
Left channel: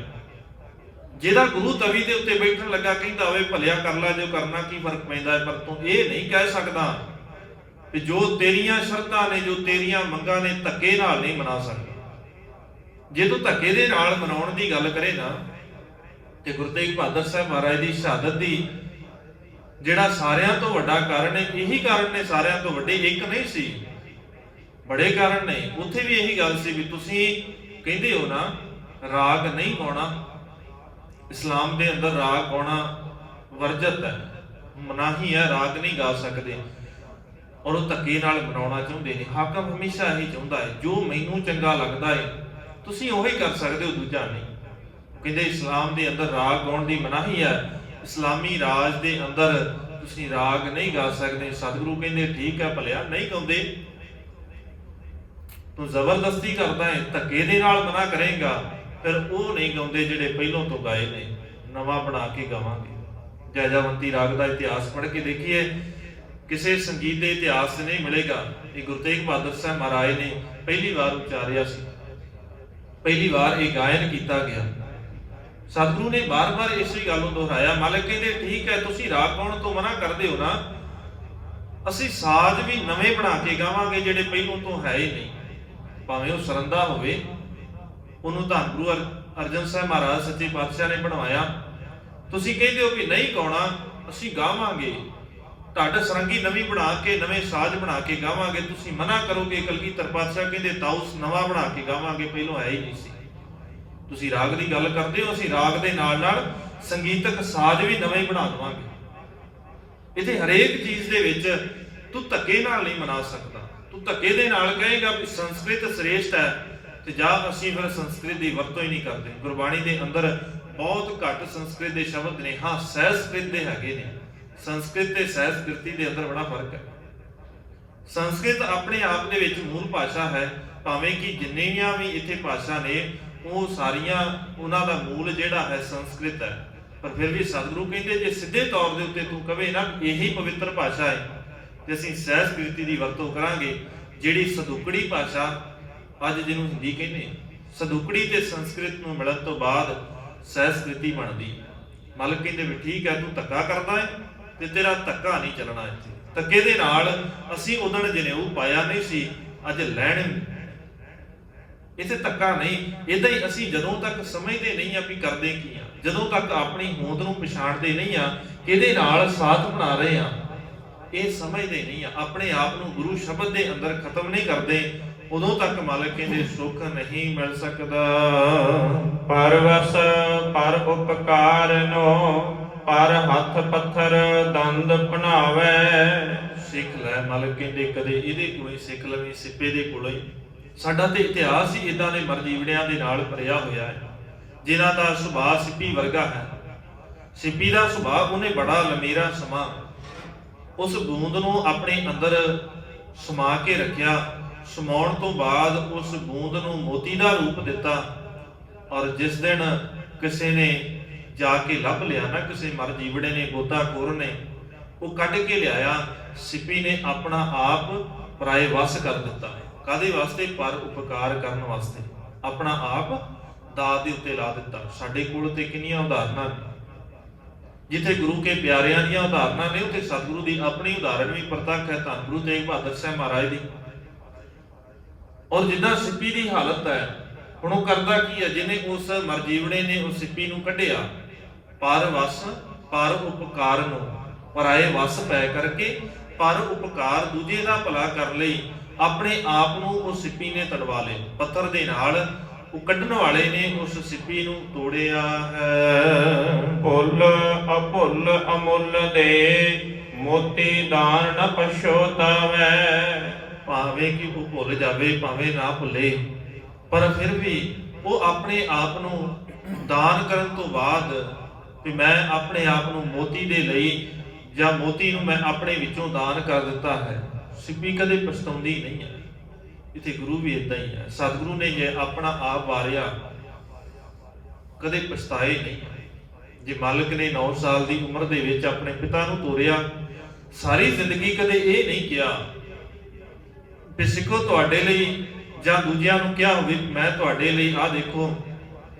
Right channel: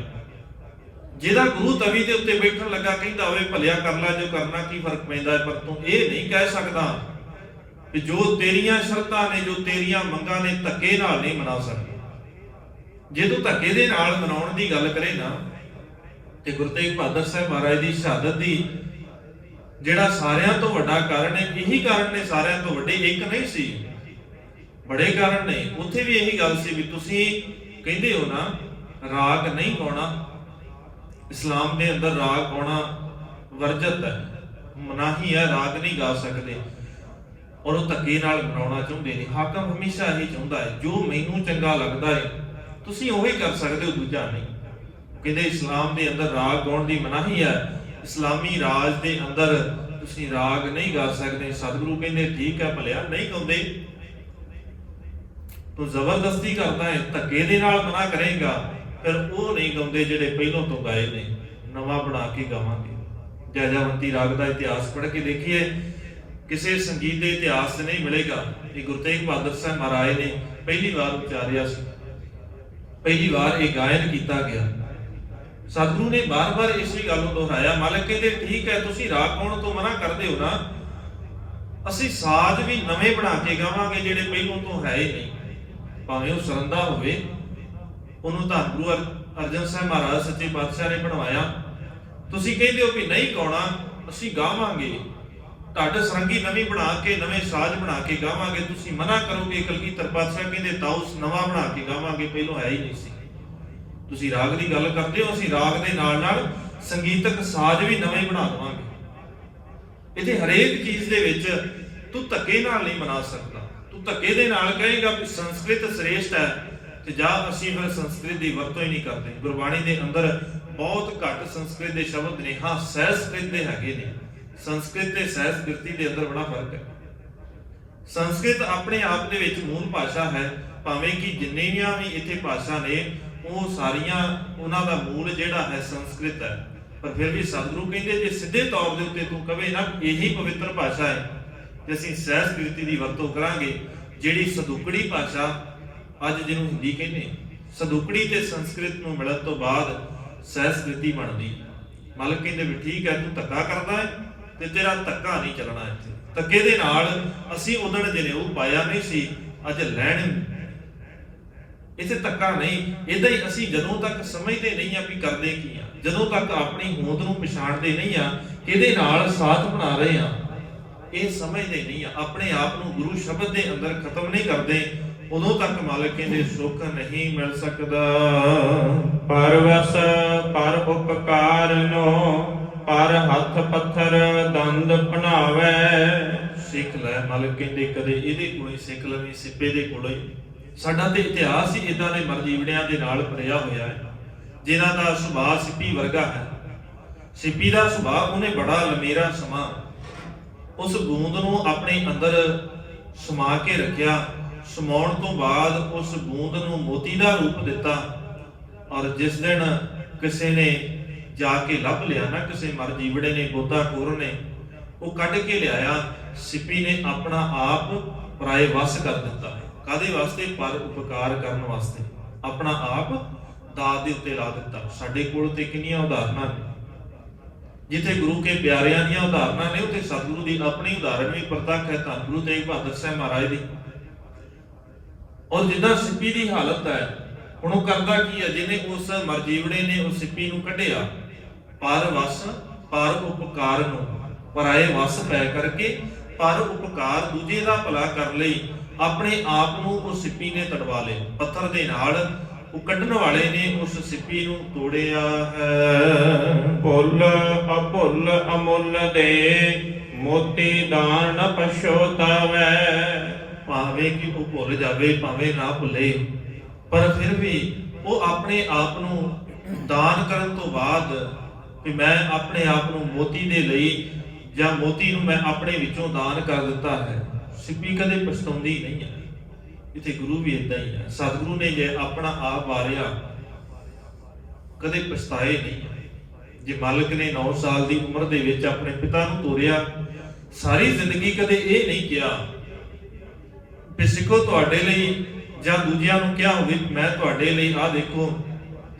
ਜਿਹਦਾ ਗੁਰੂ ਤਵੀ ਦੇ ਉੱਤੇ ਬੈਠਣ ਲੱਗਾ ਕਹਿੰਦਾ ਹੋਵੇ ਭਲਿਆ ਕਰ ਲੈ ਜੋ ਕਰਨਾ, ਕੀ ਫਰਕ ਪੈਂਦਾ ਹੈ? ਪਰ ਤੂੰ ਇਹ ਨਹੀਂ ਕਹਿ ਸਕਦਾ ਕਿ ਜੋ ਤੇਰੀਆਂ ਸ਼ਰਤਾਂ ਨੇ, ਜੋ ਤੇਰੀਆਂ ਮੰਗਾਂ ਨੇ, ਧੱਕੇ ਨਾਲ ਨਹੀਂ ਮਨਾ ਸਕਦਾ। ਜੇ ਤੂੰ ਧੱਕੇ ਦੇ ਨਾਲ ਮਨਾਉਣ ਦੀ ਗੱਲ ਕਰੇ ਨਾ, ਤੇ ਗੁਰੂ ਤੇਗ ਬਹਾਦਰ ਸਾਹਿਬ ਮਹਾਰਾਜ ਦੀ ਸ਼ਹਾਦਤ ਦੀ ਜਿਹੜਾ ਸਾਰਿਆਂ ਤੋਂ ਵੱਡਾ ਕਾਰਨ ਹੈ, ਇਹੀ ਕਾਰਨ ਨੇ ਸਾਰਿਆਂ ਤੋਂ ਵੱਡੇ, ਇੱਕ ਨਹੀਂ ਸੀ, ਬੜੇ ਕਾਰਨ ਨੇ। ਉੱਥੇ ਵੀ ਇਹੀ ਗੱਲ ਸੀ ਵੀ ਤੁਸੀਂ ਕਹਿੰਦੇ ਹੋ ਨਾ ਰਾਗ ਨਹੀਂ ਗਾਉਣਾ, ਇਸਲਾਮ ਦੇ ਅੰਦਰ ਰਾਗ ਗਾਉਣਾ ਵਰਜਤ ਹੈ, ਮਨਾਹੀ ਹੈ, ਰਾਗ ਨਹੀਂ ਗਾ ਸਕਦੇ। ਔਰ ਉਹ ਧੱਕੇ ਨਾਲ ਮਨਾਉਣਾ ਚਾਹੁੰਦੇ ਨੇ। ਹਾਕਮ ਹਮੇਸ਼ਾ ਇਹੀ ਚਾਹੁੰਦਾ ਹੈ ਜੋ ਮੈਨੂੰ ਚੰਗਾ ਲੱਗਦਾ ਹੈ ਤੁਸੀਂ ਉਹੀ ਕਰ ਸਕਦੇ ਹੋ, ਦੂਜਾ ਨਹੀਂ। ਕਹਿੰਦੇ ਇਸਲਾਮ ਦੇ ਅੰਦਰ ਰਾਗ ਗਾਉਣ ਦੀ ਮਨਾਹੀ ਹੈ, ਇਸਲਾਮੀ ਰਾਜ ਦੇ ਅੰਦਰ ਤੁਸੀਂ ਰਾਗ ਨਹੀਂ ਗਾ ਸਕਦੇ। ਸਤਿਗੁਰੂ ਕਹਿੰਦੇ ਠੀਕ ਹੈ ਭਲਿਆ ਨਹੀਂ ਗਾਉਂਦੇ, ਤੂੰ ਜ਼ਬਰਦਸਤੀ ਕਰਦਾ ਹੈ, ਧੱਕੇ ਦੇ ਨਾਲ ਮਨਾ ਕਰੇਗਾ, ਫਿਰ ਉਹ ਨਹੀਂ ਗਾਉਂਦੇ ਜਿਹੜੇ ਪਹਿਲੋਂ ਤੋਂ ਗਾਏ ਨੇ, ਨਵਾਂ ਬਣਾ ਕੇ ਗਾਵਾਂਗੇ। ਜੈਜਾਵੰਤੀ ਰਾਗ ਦਾ ਇਤਿਹਾਸ ਪੜ੍ਹ ਕੇ ਦੇਖੀਏ, ਕਿਸੇ ਸੰਗੀਤ ਦੇ ਇਤਿਹਾਸ 'ਚ ਨਹੀਂ ਮਿਲੇਗਾ। ਇਹ ਗੁਰੂ ਤੇਗ ਬਹਾਦਰ ਸਾਹਿਬ ਮਹਾਰਾਜ ਨੇ ਪਹਿਲੀ ਵਾਰ ਉਚਾਰਿਆ ਸੀ, ਪਹਿਲੀ ਵਾਰ ਇਹ ਗਾਇਨ ਕੀਤਾ ਗਿਆ। ਸਤਿਗੁਰੂ ਨੇ ਬਾਰ-ਬਾਰ ਇਸੇ ਗੱਲ ਨੂੰ ਦੁਹਰਾਇਆ। ਮਾਲਕ ਕਹਿੰਦੇ ਠੀਕ ਹੈ ਤੁਸੀਂ ਰਾਗ ਗਾਉਣ ਤੋਂ ਮਨਾ ਕਰਦੇ ਹੋ ਨਾ, ਅਸੀਂ ਸਾਜ਼ ਵੀ ਨਵੇਂ ਬਣਾ ਕੇ ਗਾਵਾਂਗੇ ਜਿਹੜੇ ਪਹਿਲੋਂ ਤੋਂ ਹੈ ਹੀ ਨਹੀਂ, ਭਾਵੇਂ ਉਹ ਸਰੰਦਾ ਹੋਵੇ। ਉਹਨੂੰ ਤਾਂ ਗੁਰੂ ਅਰਜਨ ਸਾਹਿਬ ਮਹਾਰਾਜ ਸੱਚੇ ਪਾਤਸ਼ਾਹ ਨੇ ਬਣਵਾਇਆ। ਤੁਸੀਂ ਕਹਿੰਦੇ ਹੋ ਵੀ ਨਹੀਂ ਗਾਉਣਾ, ਅਸੀਂ ਗਾਵਾਂਗੇ, ਢੱਡ ਸਰੰਗੀ ਨਵੀਂ ਬਣਾ ਕੇ, ਨਵੇਂ ਸਾਜ਼ ਬਣਾ ਕੇ ਗਾਵਾਂਗੇ। ਤੁਸੀਂ ਮਨਾ ਕਰੋਗੇ, ਕਲਗੀਧਰ ਪਾਤਸ਼ਾਹ ਕਹਿੰਦੇ ਤਾਉਸ ਨਵਾਂ ਬਣਾ ਕੇ ਗਾਵਾਂਗੇ, ਪਹਿਲੋਂ ਹੈ ਹੀ ਨਹੀਂ ਸੀ। ਤੁਸੀਂ ਰਾਗ ਦੀ ਗੱਲ ਕਰਦੇ ਹੋ, ਅਸੀਂ ਰਾਗ ਦੇ ਨਾਲ ਨਾਲ ਸੰਗੀਤਕ ਸਾਜ਼ ਵੀ ਨਵੇਂ ਬਣਾ ਦਵਾਂਗੇ। ਇੱਥੇ ਹਰੇਕ ਚੀਜ਼ ਦੇ ਵਿੱਚ ਤੂੰ ਧੱਕੇ ਨਾਲ ਨਹੀਂ ਮਨਾ ਸਕਦਾ। ਤੂੰ ਧੱਕੇ ਦੇ ਨਾਲ ਕਹੇਗਾ ਵੀ ਸੰਸਕ੍ਰਿਤ ਸ੍ਰੇਸ਼ਟ ਹੈ, ਤੇ ਜਾਂ ਅਸੀਂ ਫਿਰ ਸੰਸਕ੍ਰਿਤ ਦੀ ਵਰਤੋਂ ਹੀ ਨਹੀਂ ਕਰਦੇ। ਗੁਰਬਾਣੀ ਦੇ ਅੰਦਰ ਬਹੁਤ ਘੱਟ ਸੰਸਕ੍ਰਿਤ ਦੇ ਸ਼ਬਦ ਨੇ, ਹਾਂ ਸੰਸਕ੍ਰਿਤ ਦੇ ਹੈਗੇ ਨੇ। ਸੰਸਕ੍ਰਿਤ ਤੇ ਸੰਸਕ੍ਰਿਤੀ ਦੇ ਅੰਦਰ ਬੜਾ ਫਰਕ ਹੈ। ਸੰਸਕ੍ਰਿਤ ਆਪਣੇ ਆਪ ਦੇ ਵਿੱਚ ਮੂਲ ਭਾਸ਼ਾ ਹੈ, ਭਾਵੇਂ ਕਿ ਜਿੰਨੀਆਂ ਵੀ ਇੱਥੇ ਭਾਸ਼ਾ ਨੇ ਉਹ ਸਾਰੀਆਂ ਉਹਨਾਂ ਦਾ ਮੂਲ ਜਿਹੜਾ ਹੈ ਸੰਸਕ੍ਰਿਤ ਹੈ। ਪਰ ਫਿਰ ਵੀ ਸਤਿਗੁਰੂ ਕਹਿੰਦੇ ਜੇ ਸਿੱਧੇ ਤੌਰ ਦੇ ਉੱਤੇ ਤੂੰ ਕਵੇਂ ਨਾ ਇਹੀ ਪਵਿੱਤਰ ਭਾਸ਼ਾ ਹੈ, ਤੇ ਅਸੀਂ ਸੰਸਕ੍ਰਿਤੀ ਦੀ ਵਰਤੋਂ ਕਰਾਂਗੇ। ਜਿਹੜੀ ਸਦੁਕੜੀ ਭਾਸ਼ਾ ਅੱਜ ਜਿਹਨੂੰ ਹਿੰਦੀ ਕਹਿੰਦੇ, ਸਦੁਕੜੀ ਤੇ ਸੰਸਕ੍ਰਿਤ ਨੂੰ ਮਿਲਣ ਤੋਂ ਬਾਅਦ ਸੰਸਕ੍ਰਿਤੀ ਬਣਦੀ। ਮਾਲਕ ਕਹਿੰਦੇ ਵੀ ਠੀਕ ਹੈ ਤੂੰ ਧੱਕਾ ਕਰਦਾ ਹੈ, ਤੇ ਤੇਰਾ ਧੱਕਾ ਨਹੀਂ ਚੱਲਣਾ। ਇੱਥੇ ਧੱਕੇ ਦੇ ਨਾਲ ਅਸੀਂ ਉਦਣ ਜਨੇਊ ਪਾਇਆ ਨਹੀਂ ਸੀ, ਅੱਜ ਲੈਣ ਇੱਥੇ ਧੱਕਾ ਨਹੀਂ। ਇਦਾਂ ਹੀ ਅਸੀਂ ਜਦੋਂ ਤੱਕ ਸਮਝਦੇ ਨਹੀਂ ਆ ਵੀ ਕਰਦੇ ਕੀ ਆ, ਜਦੋਂ ਤੱਕ ਆਪਣੀ ਹੋਂਦ ਨੂੰ ਪਛਾਣਦੇ ਨਹੀਂ ਆ, ਕਿਹਦੇ ਨਾਲ ਸਾਥ ਬਣਾ ਰਹੇ ਆ, ਇਹ ਸਮਝਦੇ ਨਹੀਂ ਆ, ਆਪਣੇ ਆਪ ਨੂੰ ਗੁਰੂ ਸ਼ਬਦ ਦੇ ਅੰਦਰ ਖਤਮ ਨਹੀਂ ਕਰਦੇ, ਉਦੋਂ ਤੱਕ ਮਾਲਕ ਕਹਿੰਦੇ ਸੁੱਖ ਨਹੀਂ ਮਿਲ ਸਕਦਾ। ਪਰਵਸ ਪਰ ਉਪਕਾਰਨੋ ਪਰ ਹੱਥ ਪੱਥਰ ਦੰਦ ਬਣਾਵੇ। ਸਿੱਖ ਲੈ, ਮਾਲਕ ਕਹਿੰਦੇ ਕਦੇ ਇਹਦੇ ਕੋਲੋਂ ਹੀ ਸਿੱਖ ਲਵੀਂ, ਸਿੱਪੇ ਦੇ ਕੋਲੋਂ ਹੀ। ਸਾਡਾ ਤੇ ਇਤਿਹਾਸ ਹੀ ਇਦਾਂ ਦੇ ਮਰਜੀਵੜਿਆਂ ਦੇ ਨਾਲ ਭਰਿਆ ਹੋਇਆ ਹੈ, ਜਿਨ੍ਹਾਂ ਦਾ ਸੁਭਾਅ ਸਿੱਪੀ ਵਰਗਾ ਹੈ। ਸਿੱਪੀ ਦਾ ਸੁਭਾਅ, ਉਹਨੇ ਬੜਾ ਲੰਮੇਰਾ ਸਮਾਂ ਉਸ ਬੂੰਦ ਨੂੰ ਆਪਣੇ ਅੰਦਰ ਸਮਾ ਕੇ ਰੱਖਿਆ। ਸਮਾਉਣ ਤੋਂ ਬਾਅਦ ਉਸ ਬੂੰਦ ਨੂੰ ਮੋਤੀ ਦਾ ਰੂਪ ਦਿੱਤਾ, ਔਰ ਜਿਸ ਦਿਨ ਕਿਸੇ ਨੇ ਜਾ ਕੇ ਲੱਭ ਲਿਆ ਨਾ, ਕਿਸੇ ਮਰਜੀਵੜੇ ਨੇ, ਗੋਤਾਖੋਰ ਨੇ, ਉਹ ਕੱਢ ਕੇ ਲਿਆਇਆ, ਸਿੱਪੀ ਨੇ ਆਪਣਾ ਆਪ ਪਰਾਏ ਵਸ ਕਰ ਦਿੱਤਾ। ਕਾਹਦੇ ਵਾਸਤੇ? ਪਰ ਉਪਕਾਰ ਕਰਨ ਵਾਸਤੇ, ਆਪਣਾ ਆਪ ਦਾਤ ਦੇ ਉੱਤੇ ਲਾ ਦਿੱਤਾ। ਸਾਡੇ ਕੋਲ ਤੇ ਕਿੰਨੀਆਂ ਉਦਾਹਰਨਾਂ ਨੇ, ਜਿੱਥੇ ਗੁਰੂ ਕੇ ਪਿਆਰਿਆਂ ਦੀਆਂ ਉਦਾਹਰਨਾਂ ਨੇ, ਉੱਥੇ ਸਤਿਗੁਰੂ ਦੀ ਆਪਣੀ ਉਦਾਹਰਣ ਵੀ ਪ੍ਰਤੱਖ ਹੈ। ਧੰਨ ਗੁਰੂ ਤੇਗ ਬਹਾਦਰ ਸਾਹਿਬ ਮਹਾਰਾਜ ਦੀ। ਔਰ ਜਿੱਦਾਂ ਸਿੱਪੀ ਦੀ ਹਾਲਤ ਹੈ, ਹੁਣ ਉਹ ਕਰਦਾ ਕੀ ਹੈ? ਜਿਹਨੇ ਉਸ ਮਰਜੀਵੜੇ ਨੇ ਉਸ ਸਿੱਪੀ ਨੂੰ ਕੱਢਿਆ, ਪਰ ਵਸ ਪਰ ਉਪਕਾਰ ਨੂੰ, ਪਰਾਏ ਵਸ ਪੈ ਕਰਕੇ ਪਰ ਉਪਕਾਰ, ਦੂਜੇ ਦਾ ਭਲਾ ਕਰ ਲਈ ਆਪਣੇ ਆਪ ਨੂੰ ਉਸ ਸਿੱਪੀ ਨੇ ਤੜਵਾ ਲਏ। ਪੱਥਰ ਦੇ ਨਾਲ ਉਹ ਕੱਢਣ ਵਾਲੇ ਨੇ ਉਸ ਸਿੱਪੀ ਨੂੰ ਤੋੜਿਆ ਹੈ। ਭੁੱਲ ਅਭੁੱਲ ਅਮੁੱਲ ਦੇ ਮੋਤੀ ਦਾਨ ਨ ਪਛੋਤਾਵੈ। ਭਾਵੇਂ ਕਿ ਉਹ ਭੁੱਲ ਜਾਵੇ, ਭਾਵੇਂ ਨਾ ਭੁੱਲੇ, ਪਰ ਫਿਰ ਵੀ ਉਹ ਆਪਣੇ ਆਪ ਨੂੰ ਦਾਨ ਕਰਨ ਤੋਂ ਬਾਅਦ ਵੀ ਮੈਂ ਆਪਣੇ ਆਪ ਨੂੰ ਮੋਤੀ ਦੇ ਲਈ, ਜਾਂ ਮੋਤੀ ਨੂੰ ਮੈਂ ਆਪਣੇ ਵਿੱਚੋਂ ਦਾਨ ਕਰ ਦਿੱਤਾ ਹੈ। ਸਿੱਪੀ ਕਦੇ ਪਛਤਾਉਂਦੀ ਨਹੀਂ ਹੈ। ਇੱਥੇ ਗੁਰੂ ਵੀ ਇਦਾਂ ਹੀ ਹੈ। ਸਤਿਗੁਰੂ ਨੇ ਜੇ ਆਪਣਾ ਆਪ ਵਾਰਿਆ, ਕਦੇ ਪਛਤਾਏ ਨਹੀਂ ਹੈ। ਜੇ ਮਾਲਕ ਨੇ 9 ਸਾਲ ਦੀ ਉਮਰ ਦੇ ਵਿੱਚ ਆਪਣੇ ਪਿਤਾ ਨੂੰ ਤੋਰਿਆ, ਸਾਰੀ ਜ਼ਿੰਦਗੀ ਕਦੇ ਇਹ ਨਹੀਂ ਕਿਹਾ ਵੀ ਸਿੱਖੋ ਤੁਹਾਡੇ ਲਈ, ਜਾਂ ਦੂਜਿਆਂ ਨੂੰ ਕਿਹਾ ਹੋਵੇ ਮੈਂ ਤੁਹਾਡੇ ਲਈ ਆਹ ਦੇਖੋ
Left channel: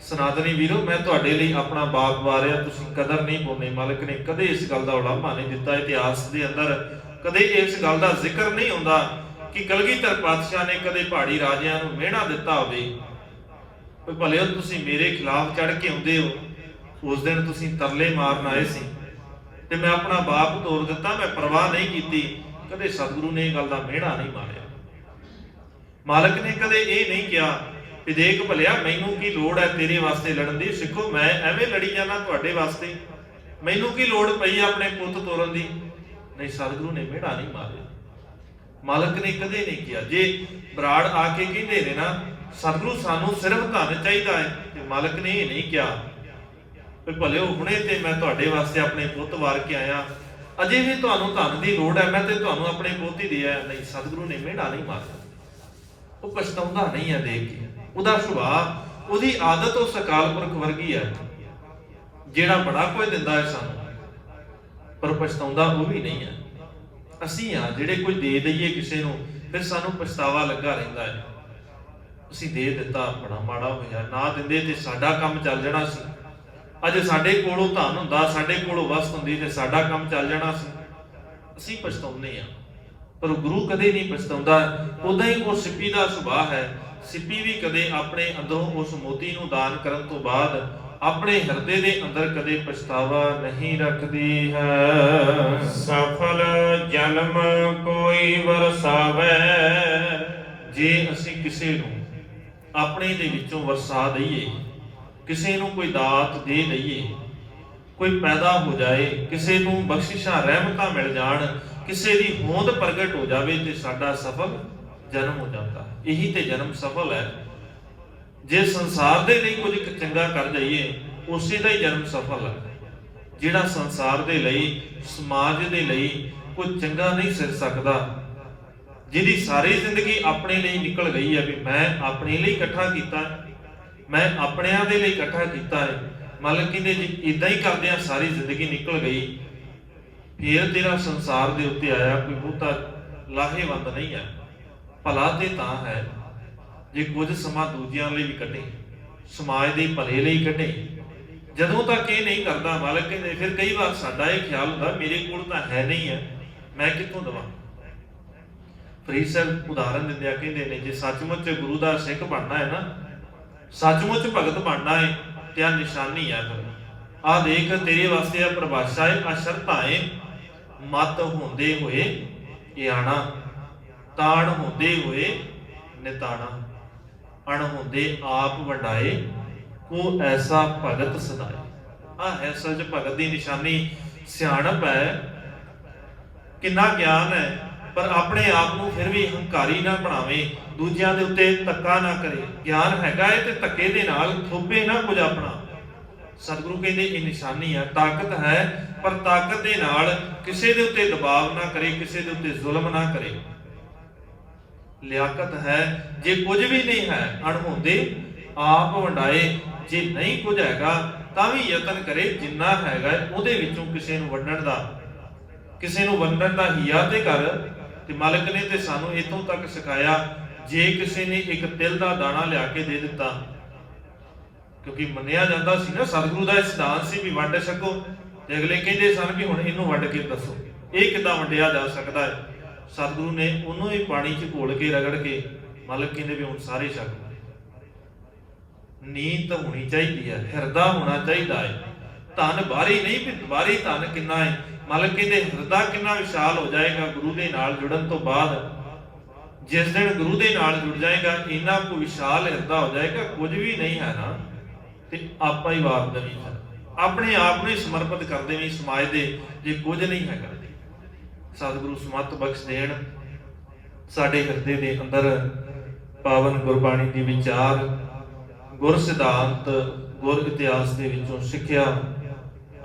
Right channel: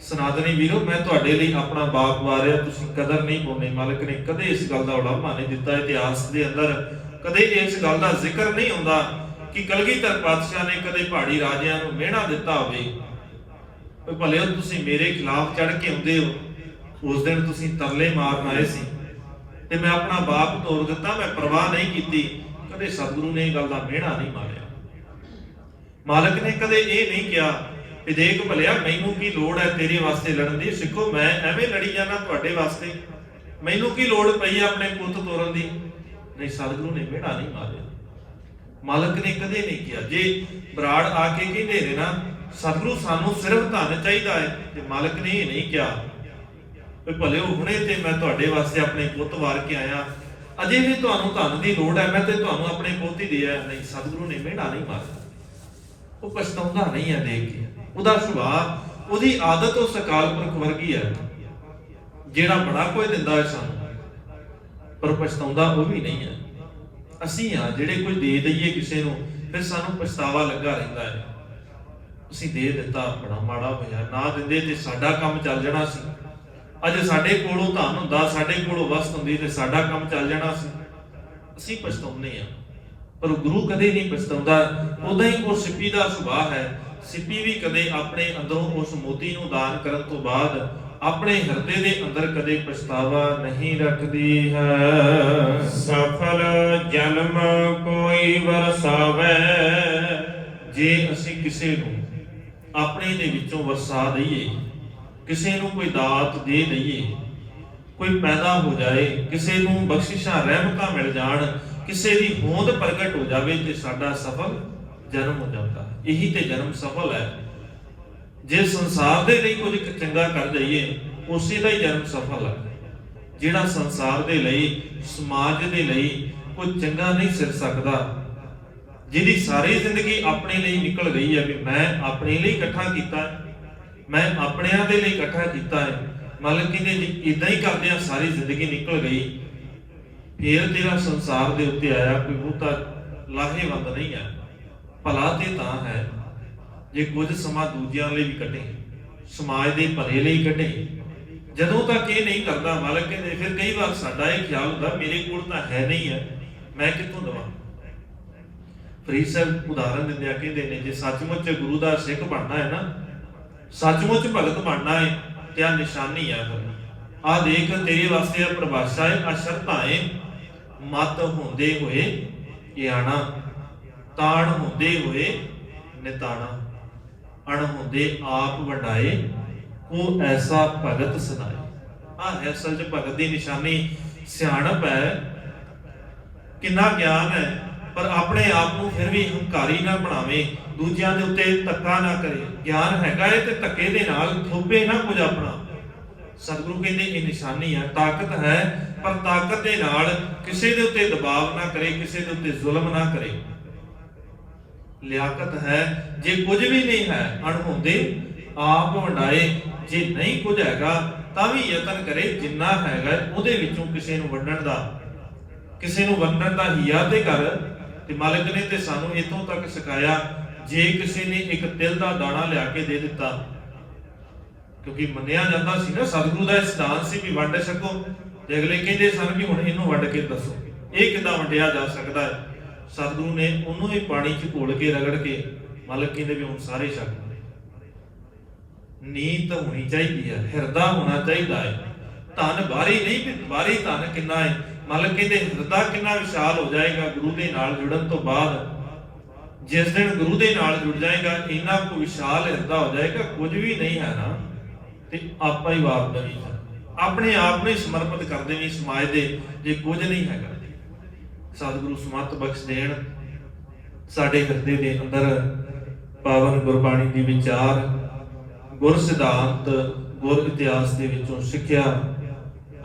ਸਨਾਤਨੀ ਵੀਰੋ, ਮੈਂ ਤੁਹਾਡੇ ਲਈ ਆਪਣਾ ਬਾਪ ਵਾਰਿਆ, ਤੁਸੀਂ ਕਦਰ ਨਹੀਂ ਪਾਉਂਦੇ। ਮਾਲਕ ਨੇ ਕਦੇ ਇਸ ਗੱਲ ਦਾ ਉਲਾਮਾ ਨਹੀਂ ਦਿੱਤਾ। ਇਤਿਹਾਸ ਦੇ ਅੰਦਰ ਕਦੇ ਇਸ ਗੱਲ ਦਾ ਜ਼ਿਕਰ ਨਹੀਂ ਹੁੰਦਾ ਕਿ ਕਲਗੀਧਰ ਪਾਤਸ਼ਾਹ ਨੇ ਕਦੇ ਪਹਾੜੀ ਰਾਜਿਆਂ ਨੂੰ ਮਿਹਣਾ ਦਿੱਤਾ ਹੋਵੇ, ਭਲੇ ਤੁਸੀਂ ਮੇਰੇ ਖਿਲਾਫ ਚੜ ਕੇ ਆਉਂਦੇ ਹੋ, ਉਸ ਦਿਨ ਤੁਸੀਂ ਤਰਲੇ ਮਾਰਨ ਆਏ ਸੀ ਤੇ ਮੈਂ ਆਪਣਾ ਬਾਪ ਤੋੜ ਦਿੱਤਾ, ਮੈਂ ਪਰਵਾਹ ਨਹੀਂ ਕੀਤੀ। ਕਦੇ ਸਤਿਗੁਰੂ ਨੇ ਇਹ ਗੱਲ ਦਾ ਮਿਹਣਾ ਨਹੀਂ ਮਾਰਿਆ। ਮਾਲਕ ਨੇ ਕਦੇ ਇਹ ਨਹੀਂ ਕਿਹਾ ਕਿ ਦੇਖ ਭਲਿਆ ਮੈਨੂੰ ਕੀ ਲੋੜ ਹੈ ਤੇਰੇ ਵਾਸਤੇ ਲੜਨ ਦੀ, ਸਿੱਖੋ ਮੈਂ ਐਵੇਂ ਲੜੀ ਜਾਣਾ ਤੁਹਾਡੇ ਵਾਸਤੇ, ਮੈਨੂੰ ਕੀ ਲੋੜ ਪਈ ਆਪਣੇ ਪੁੱਤ ਤੋਰਨ ਦੀ। ਨਹੀਂ, ਸਤਿਗੁਰੂ ਨੇ ਮਿਹਣਾ ਨਹੀਂ ਮਾਰਿਆ। ਮਾਲਕ ਨੇ ਕਦੇ ਨਹੀਂ ਕਿਹਾ। ਜੇ ਬਰਾੜ ਆ ਕੇ ਕਹਿੰਦੇ ਨੇ ਨਾ ਸਤਿਗੁਰੂ ਸਾਨੂੰ ਸਿਰਫ ਧਨ ਚਾਹੀਦਾ ਹੈ, ਤੇ ਮਾਲਕ ਨੇ ਇਹ ਨਹੀਂ ਕਿਹਾ ਵੀ ਭਲੇ ਉਹ ਹੁਣੇ ਤੇ ਮੈਂ ਤੁਹਾਡੇ ਵਾਸਤੇ ਆਪਣੇ ਪੁੱਤ ਵਾਰ ਕੇ ਆਇਆ, ਅਜੇ ਵੀ ਤੁਹਾਨੂੰ ਧਨ ਦੀ ਲੋੜ ਹੈ, ਮੈਂ ਤੇ ਤੁਹਾਨੂੰ ਆਪਣੇ ਪੁੱਤ ਹੀ ਦਿਆ। ਨਹੀਂ, ਸਤਿਗੁਰੂ ਨੇ ਮਿਹਣਾ ਨਹੀਂ ਮਾਰਿਆ। ਉਹ ਪਛਤਾਉਂਦਾ ਨਹੀਂ ਹੈ ਦੇਖ ਕੇ। ਉਹਦਾ ਸੁਭਾਅ, ਉਹਦੀ ਆਦਤ ਉਸ ਅਕਾਲ ਪੁਰਖ ਵਰਗੀ ਹੈ, ਜਿਹੜਾ ਬੜਾ ਕੁਝ ਦਿੰਦਾ ਹੈ ਸਾਨੂੰ, ਪਰ ਪਛਤਾਉਂਦਾ ਉਹ ਵੀ ਨਹੀਂ ਹੈ। ਅਸੀਂ ਆ ਜਿਹੜੇ ਕੁਝ ਦੇ ਦਈਏ ਕਿਸੇ ਨੂੰ, ਫਿਰ ਸਾਨੂੰ ਪਛਤਾਵਾ ਲੱਗਾ ਰਹਿੰਦਾ ਹੈ। ਅਸੀਂ ਦੇ ਦਿੱਤਾ, ਬੜਾ ਮਾੜਾ ਹੋਇਆ, ਨਾ ਦਿੰਦੇ ਤੇ ਸਾਡਾ ਕੰਮ ਚੱਲ ਜਾਣਾ ਸੀ। ਅੱਜ ਸਾਡੇ ਕੋਲੋਂ ਧਨ ਹੁੰਦਾ, ਸਾਡੇ ਕੋਲੋਂ ਵਸਤ ਹੁੰਦੀ, ਤੇ ਸਾਡਾ ਕੰਮ ਚੱਲ ਜਾਣਾ ਸੀ। ਅਸੀਂ ਪਛਤਾਉਂਦੇ ਆ, ਪਰ ਗੁਰੂ ਕਦੇ ਨਹੀਂ ਪਛਤਾਉਂਦਾ। ਉਦਾਂ ਹੀ ਉਹ ਸਿੱਪੀ ਦਾ ਸੁਭਾਅ ਹੈ। ਸਿੱਪੀ ਵੀ ਕਦੇ ਆਪਣੇ ਅੰਦਰੋਂ ਉਸ ਮੋਤੀ ਨੂੰ ਦਾਨ ਕਰਨ ਤੋਂ ਬਾਅਦ ਆਪਣੇ ਹਿਰਦੇ ਦੇ ਅੰਦਰ ਕਦੇ ਪਛਤਾਵਾ ਨਹੀਂ ਰੱਖਦੀ ਹੈ। ਸਫਲ ਜਨਮ ਕੋਈ ਵਰਸਾਵੇ। ਜੇ ਅਸੀਂ ਕਿਸੇ ਨੂੰ ਆਪਣੇ ਦੇ ਵਿੱਚੋਂ ਵਰਸਾ ਦਈਏ, ਕਿਸੇ ਨੂੰ ਕੋਈ ਦਾਤ ਦੇ ਦਈਏ, ਕੋਈ ਪੈਦਾ ਹੋ ਜਾਏ, ਕਿਸੇ ਨੂੰ ਬਖਸ਼ਿਸ਼ਾਂ ਰਹਿਮਤਾਂ ਮਿਲ ਜਾਣ, ਕਿਸੇ ਦੀ ਹੋਂਦ ਪ੍ਰਗਟ ਹੋ ਜਾਵੇ, ਤੇ ਸਾਡਾ ਸਫਲ ਜਨਮ ਹੋ ਜਾਂਦਾ। ਇਹੀ ਤੇ ਜਨਮ ਸਫਲ ਹੈ। ਜੇ ਸੰਸਾਰ ਦੇ ਲਈ ਕੁਝ ਚੰਗਾ ਕਰ ਜਾਈਏ, ਉਸੇ ਦਾ ਹੀ ਜਨਮ ਸਫਲ ਹੈ। ਜਿਹੜਾ ਸੰਸਾਰ ਦੇ ਲਈ, ਸਮਾਜ ਦੇ ਲਈ ਕੁਝ ਚੰਗਾ ਨਹੀਂ ਸਿਰ ਸਕਦਾ, ਜਿਹਦੀ ਸਾਰੀ ਜ਼ਿੰਦਗੀ ਆਪਣੇ ਲਈ ਨਿਕਲ ਗਈ ਹੈ ਵੀ ਮੈਂ ਆਪਣੇ ਲਈ ਇਕੱਠਾ ਕੀਤਾ ਹੈ, ਮੈਂ ਆਪਣਿਆਂ ਦੇ ਲਈ ਇਕੱਠਾ ਕੀਤਾ ਹੈ। ਮਾਲਕ ਕਹਿੰਦੇ ਜੇ ਇਦਾਂ ਹੀ ਕਰਦਿਆਂ ਸਾਰੀ ਜ਼ਿੰਦਗੀ ਨਿਕਲ ਗਈ, ਫਿਰ ਤੇਰਾ ਸੰਸਾਰ ਦੇ ਉੱਤੇ ਆਇਆ ਕੋਈ ਬਹੁਤਾ ਲਾਹੇਵੰਦ ਨਹੀਂ ਹੈ। ਭਲਾ ਤੇ ਤਾਂ ਹੈ ਜੇ ਕੁਝ ਸਮਾਂ ਦੂਜਿਆਂ ਲਈ ਵੀ ਕੱਢੇ, ਸਮਾਜ ਦੇ ਭਲੇ ਲਈ ਕੱਢੇ। ਜਦੋਂ ਤੱਕ ਇਹ ਨਹੀਂ ਕਰਦਾ, ਮਾਲਕ ਕਹਿੰਦੇ ਫਿਰ ਕਈ ਵਾਰ ਸਾਡਾ ਇਹ ਖਿਆਲ ਹੁੰਦਾ ਮੇਰੇ ਕੋਲ ਤਾਂ ਹੈ ਨਹੀਂ ਹੈ, ਮੈਂ ਕਿੱਥੋਂ ਦਵਾਂ। ਫਰੀਦ ਸਾਹਿਬ ਉਦਾਹਰਨ ਦਿੰਦੇ ਆ, ਕਹਿੰਦੇ ਨੇ ਜੇ ਸੱਚਮੁੱਚ ਗੁਰੂ ਦਾ ਸਿੱਖ ਬਣਨਾ ਹੈ ਨਾ, ਸੱਚਮੁੱਚ ਭਗਤ ਬਣਨਾ ਹੈ, ਤੇ ਆ ਨਿਸ਼ਾਨੀ ਹੈ। ਆਹ ਦੇਖ ਤੇਰੇ ਵਾਸਤੇ ਆ ਪਰਿਭਾਸ਼ਾ ਹੈ, ਆ ਸ਼ਰਤਾਂ ਹੈ ਮਤ ਹੁੰਦੇ ਹੋਏ ਇਆਣਾ, ਤਾਣ ਹੁੰਦੇ ਹੋਏ ਨਿਤਾਣਾ, ਅਣ ਹੁੰਦੇ ਆਪ ਵੰਡਾਏ, ਕੋ ਐਸਾ ਭਗਤ ਸਦਾਏ। ਆ ਹੈ ਸੱਚ ਭਗਤ ਦੀ ਨਿਸ਼ਾਨੀ, ਸਿਆਣਪ ਹੈ, ਕਿੰਨਾ ਗਿਆਨ ਹੈ, ਪਰ ਆਪਣੇ ਆਪ ਨੂੰ ਫਿਰ ਵੀ ਹੰਕਾਰੀ ਨਾ ਬਣਾਵੇ, ਦੂਜਿਆਂ ਦੇ ਉੱਤੇ ਧੱਕਾ ਨਾ ਕਰੇ। ਗਿਆਨ ਹੈਗਾ ਹੈ ਤੇ ਧੱਕੇ ਦੇ ਨਾਲ ਥੋਪੇ ਨਾ ਕੁਝ ਆਪਣਾ। ਸਤਿਗੁਰੂ ਕਹਿੰਦੇ ਇਹ ਨਿਸ਼ਾਨੀ ਹੈ, ਤਾਕਤ ਹੈ, ਪਰ ਤਾਕਤ ਦੇ ਨਾਲ ਕਿਸੇ ਦੇ ਉੱਤੇ ਦਬਾਅ ਨਾ ਕਰੇ, ਕਿਸੇ ਦੇ ਉੱਤੇ ਜ਼ੁਲਮ ਨਾ ਕਰੇ। ਲਿਆਕਤ ਹੈ, ਜੇ ਕੁਝ ਵੀ ਨਹੀਂ ਹੈ ਅਣਹੋਂਦੇ ਆਪ ਵੰਡਾਏ, ਜੇ ਨਹੀਂ ਕੁਝ ਹੈਗਾ ਤਾਂ ਵੀ ਯਤਨ ਕਰੇ ਜਿੰਨਾ ਹੈਗਾ ਉਹਦੇ ਵਿੱਚੋਂ ਕਿਸੇ ਨੂੰ ਵੰਡਣ ਦਾ, ਕਿਸੇ ਨੂੰ ਵੰਡਣ ਦਾ ਹੀਆ ਤੇ ਕਰ। ਤੇ ਮਾਲਕ ਨੇ ਤੇ ਸਾਨੂੰ ਇਥੋਂ ਤੱਕ ਸਿਖਾਇਆ, ਜੇ ਕਿਸੇ ਨੇ ਇੱਕ ਤਿਲ ਦਾ ਦਾਣਾ ਲਿਆ ਕੇ ਦੇ ਦਿੱਤਾ, ਕਿਉਂਕਿ ਮੰਨਿਆ ਜਾਂਦਾ ਸੀ ਨਾ ਸਤਿਗੁਰੂ ਦਾ ਸਿਧਾਂਤ ਸੀ ਵੀ ਵੰਡ ਸਕੋ, ਤੇ ਅਗਲੇ ਕਹਿੰਦੇ ਸਨ ਵੀ ਹੁਣ ਇਹਨੂੰ ਵੰਡ ਕੇ ਦੱਸੋ ਇਹ ਕਿੱਦਾਂ ਵੰਡਿਆ ਜਾ ਸਕਦਾ ਹੈ। ਸਤਿਗੁਰੂ ਨੇ ਉਹਨੂੰ ਵੀ ਪਾਣੀ 'ਚ ਘੋਲ ਕੇ ਰਗੜ ਕੇ ਮਾਲਕ ਕਹਿੰਦੇ ਵੀ ਹੁਣ ਸਾਰੇ ਛਕ। ਨੀਤ ਹੋਣੀ ਚਾਹੀਦੀ ਹੈ, ਹਿਰਦਾ ਹੋਣਾ ਚਾਹੀਦਾ ਹੈ, ਧਨ ਬਾਹਰੀ ਨਹੀਂ ਵੀ ਬਾਹਰੀ ਧਨ ਕਿੰਨਾ ਹੈ। ਮਾਲਕ ਕਹਿੰਦੇ ਹਿਰਦਾ ਕਿੰਨਾ ਵਿਸ਼ਾਲ ਹੋ ਜਾਏਗਾ ਗੁਰੂ ਦੇ ਨਾਲ ਜੁੜਨ ਤੋਂ ਬਾਅਦ। ਜਿਸ ਦਿਨ ਗੁਰੂ ਦੇ ਨਾਲ ਜੁੜ ਜਾਏਗਾ ਇੰਨਾ ਕੁ ਵਿਸ਼ਾਲ ਹਿਰਦਾ ਹੋ ਜਾਏਗਾ, ਕੁਝ ਵੀ ਨਹੀਂ ਹੈ ਨਾ ਤੇ ਆਪਾਂ ਹੀ ਵਾਰ ਦੇਵੀ ਹੈ, ਆਪਣੇ ਆਪ ਨੂੰ ਹੀ ਸਮਰਪਿਤ ਕਰ ਦੇਵੀਂ ਸਮਾਜ ਦੇ, ਜੇ ਕੁਝ ਨਹੀਂ ਹੈਗਾ। ਸਤਿਗੁਰੂ ਸਮਤ ਬਖਸ਼ ਦੇਣ, ਸਾਡੇ ਹਿਰਦੇ ਦੇ ਅੰਦਰ ਪਾਵਨ ਗੁਰਬਾਣੀ ਦੀ ਵਿਚਾਰ, ਗੁਰ ਸਿਧਾਂਤ, ਗੁਰ ਇਤਿਹਾਸ ਦੇ ਵਿੱਚੋਂ ਸਿੱਖਿਆ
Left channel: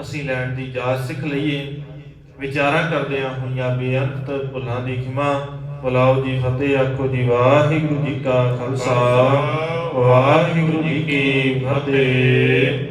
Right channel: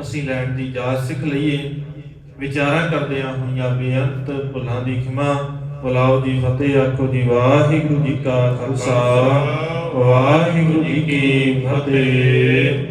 ਅਸੀਂ ਲੈਣ ਦੀ ਜਾਚ ਸਿੱਖ ਲਈਏ। ਵਿਚਾਰਾਂ ਕਰਦਿਆਂ ਹੋਈਆਂ ਬੇਅੰਤ ਭੁੱਲਾਂ ਦੀ ਖਿਮਾ। ਬੁਲਾਓ ਜੀ ਫਤਿਹ, ਆਖੋ ਜੀ ਵਾਹਿਗੁਰੂ ਜੀ ਕਾ ਖਾਲਸਾ, ਵਾਹਿਗੁਰੂ ਜੀ ਕੀ ਫਤਿਹ।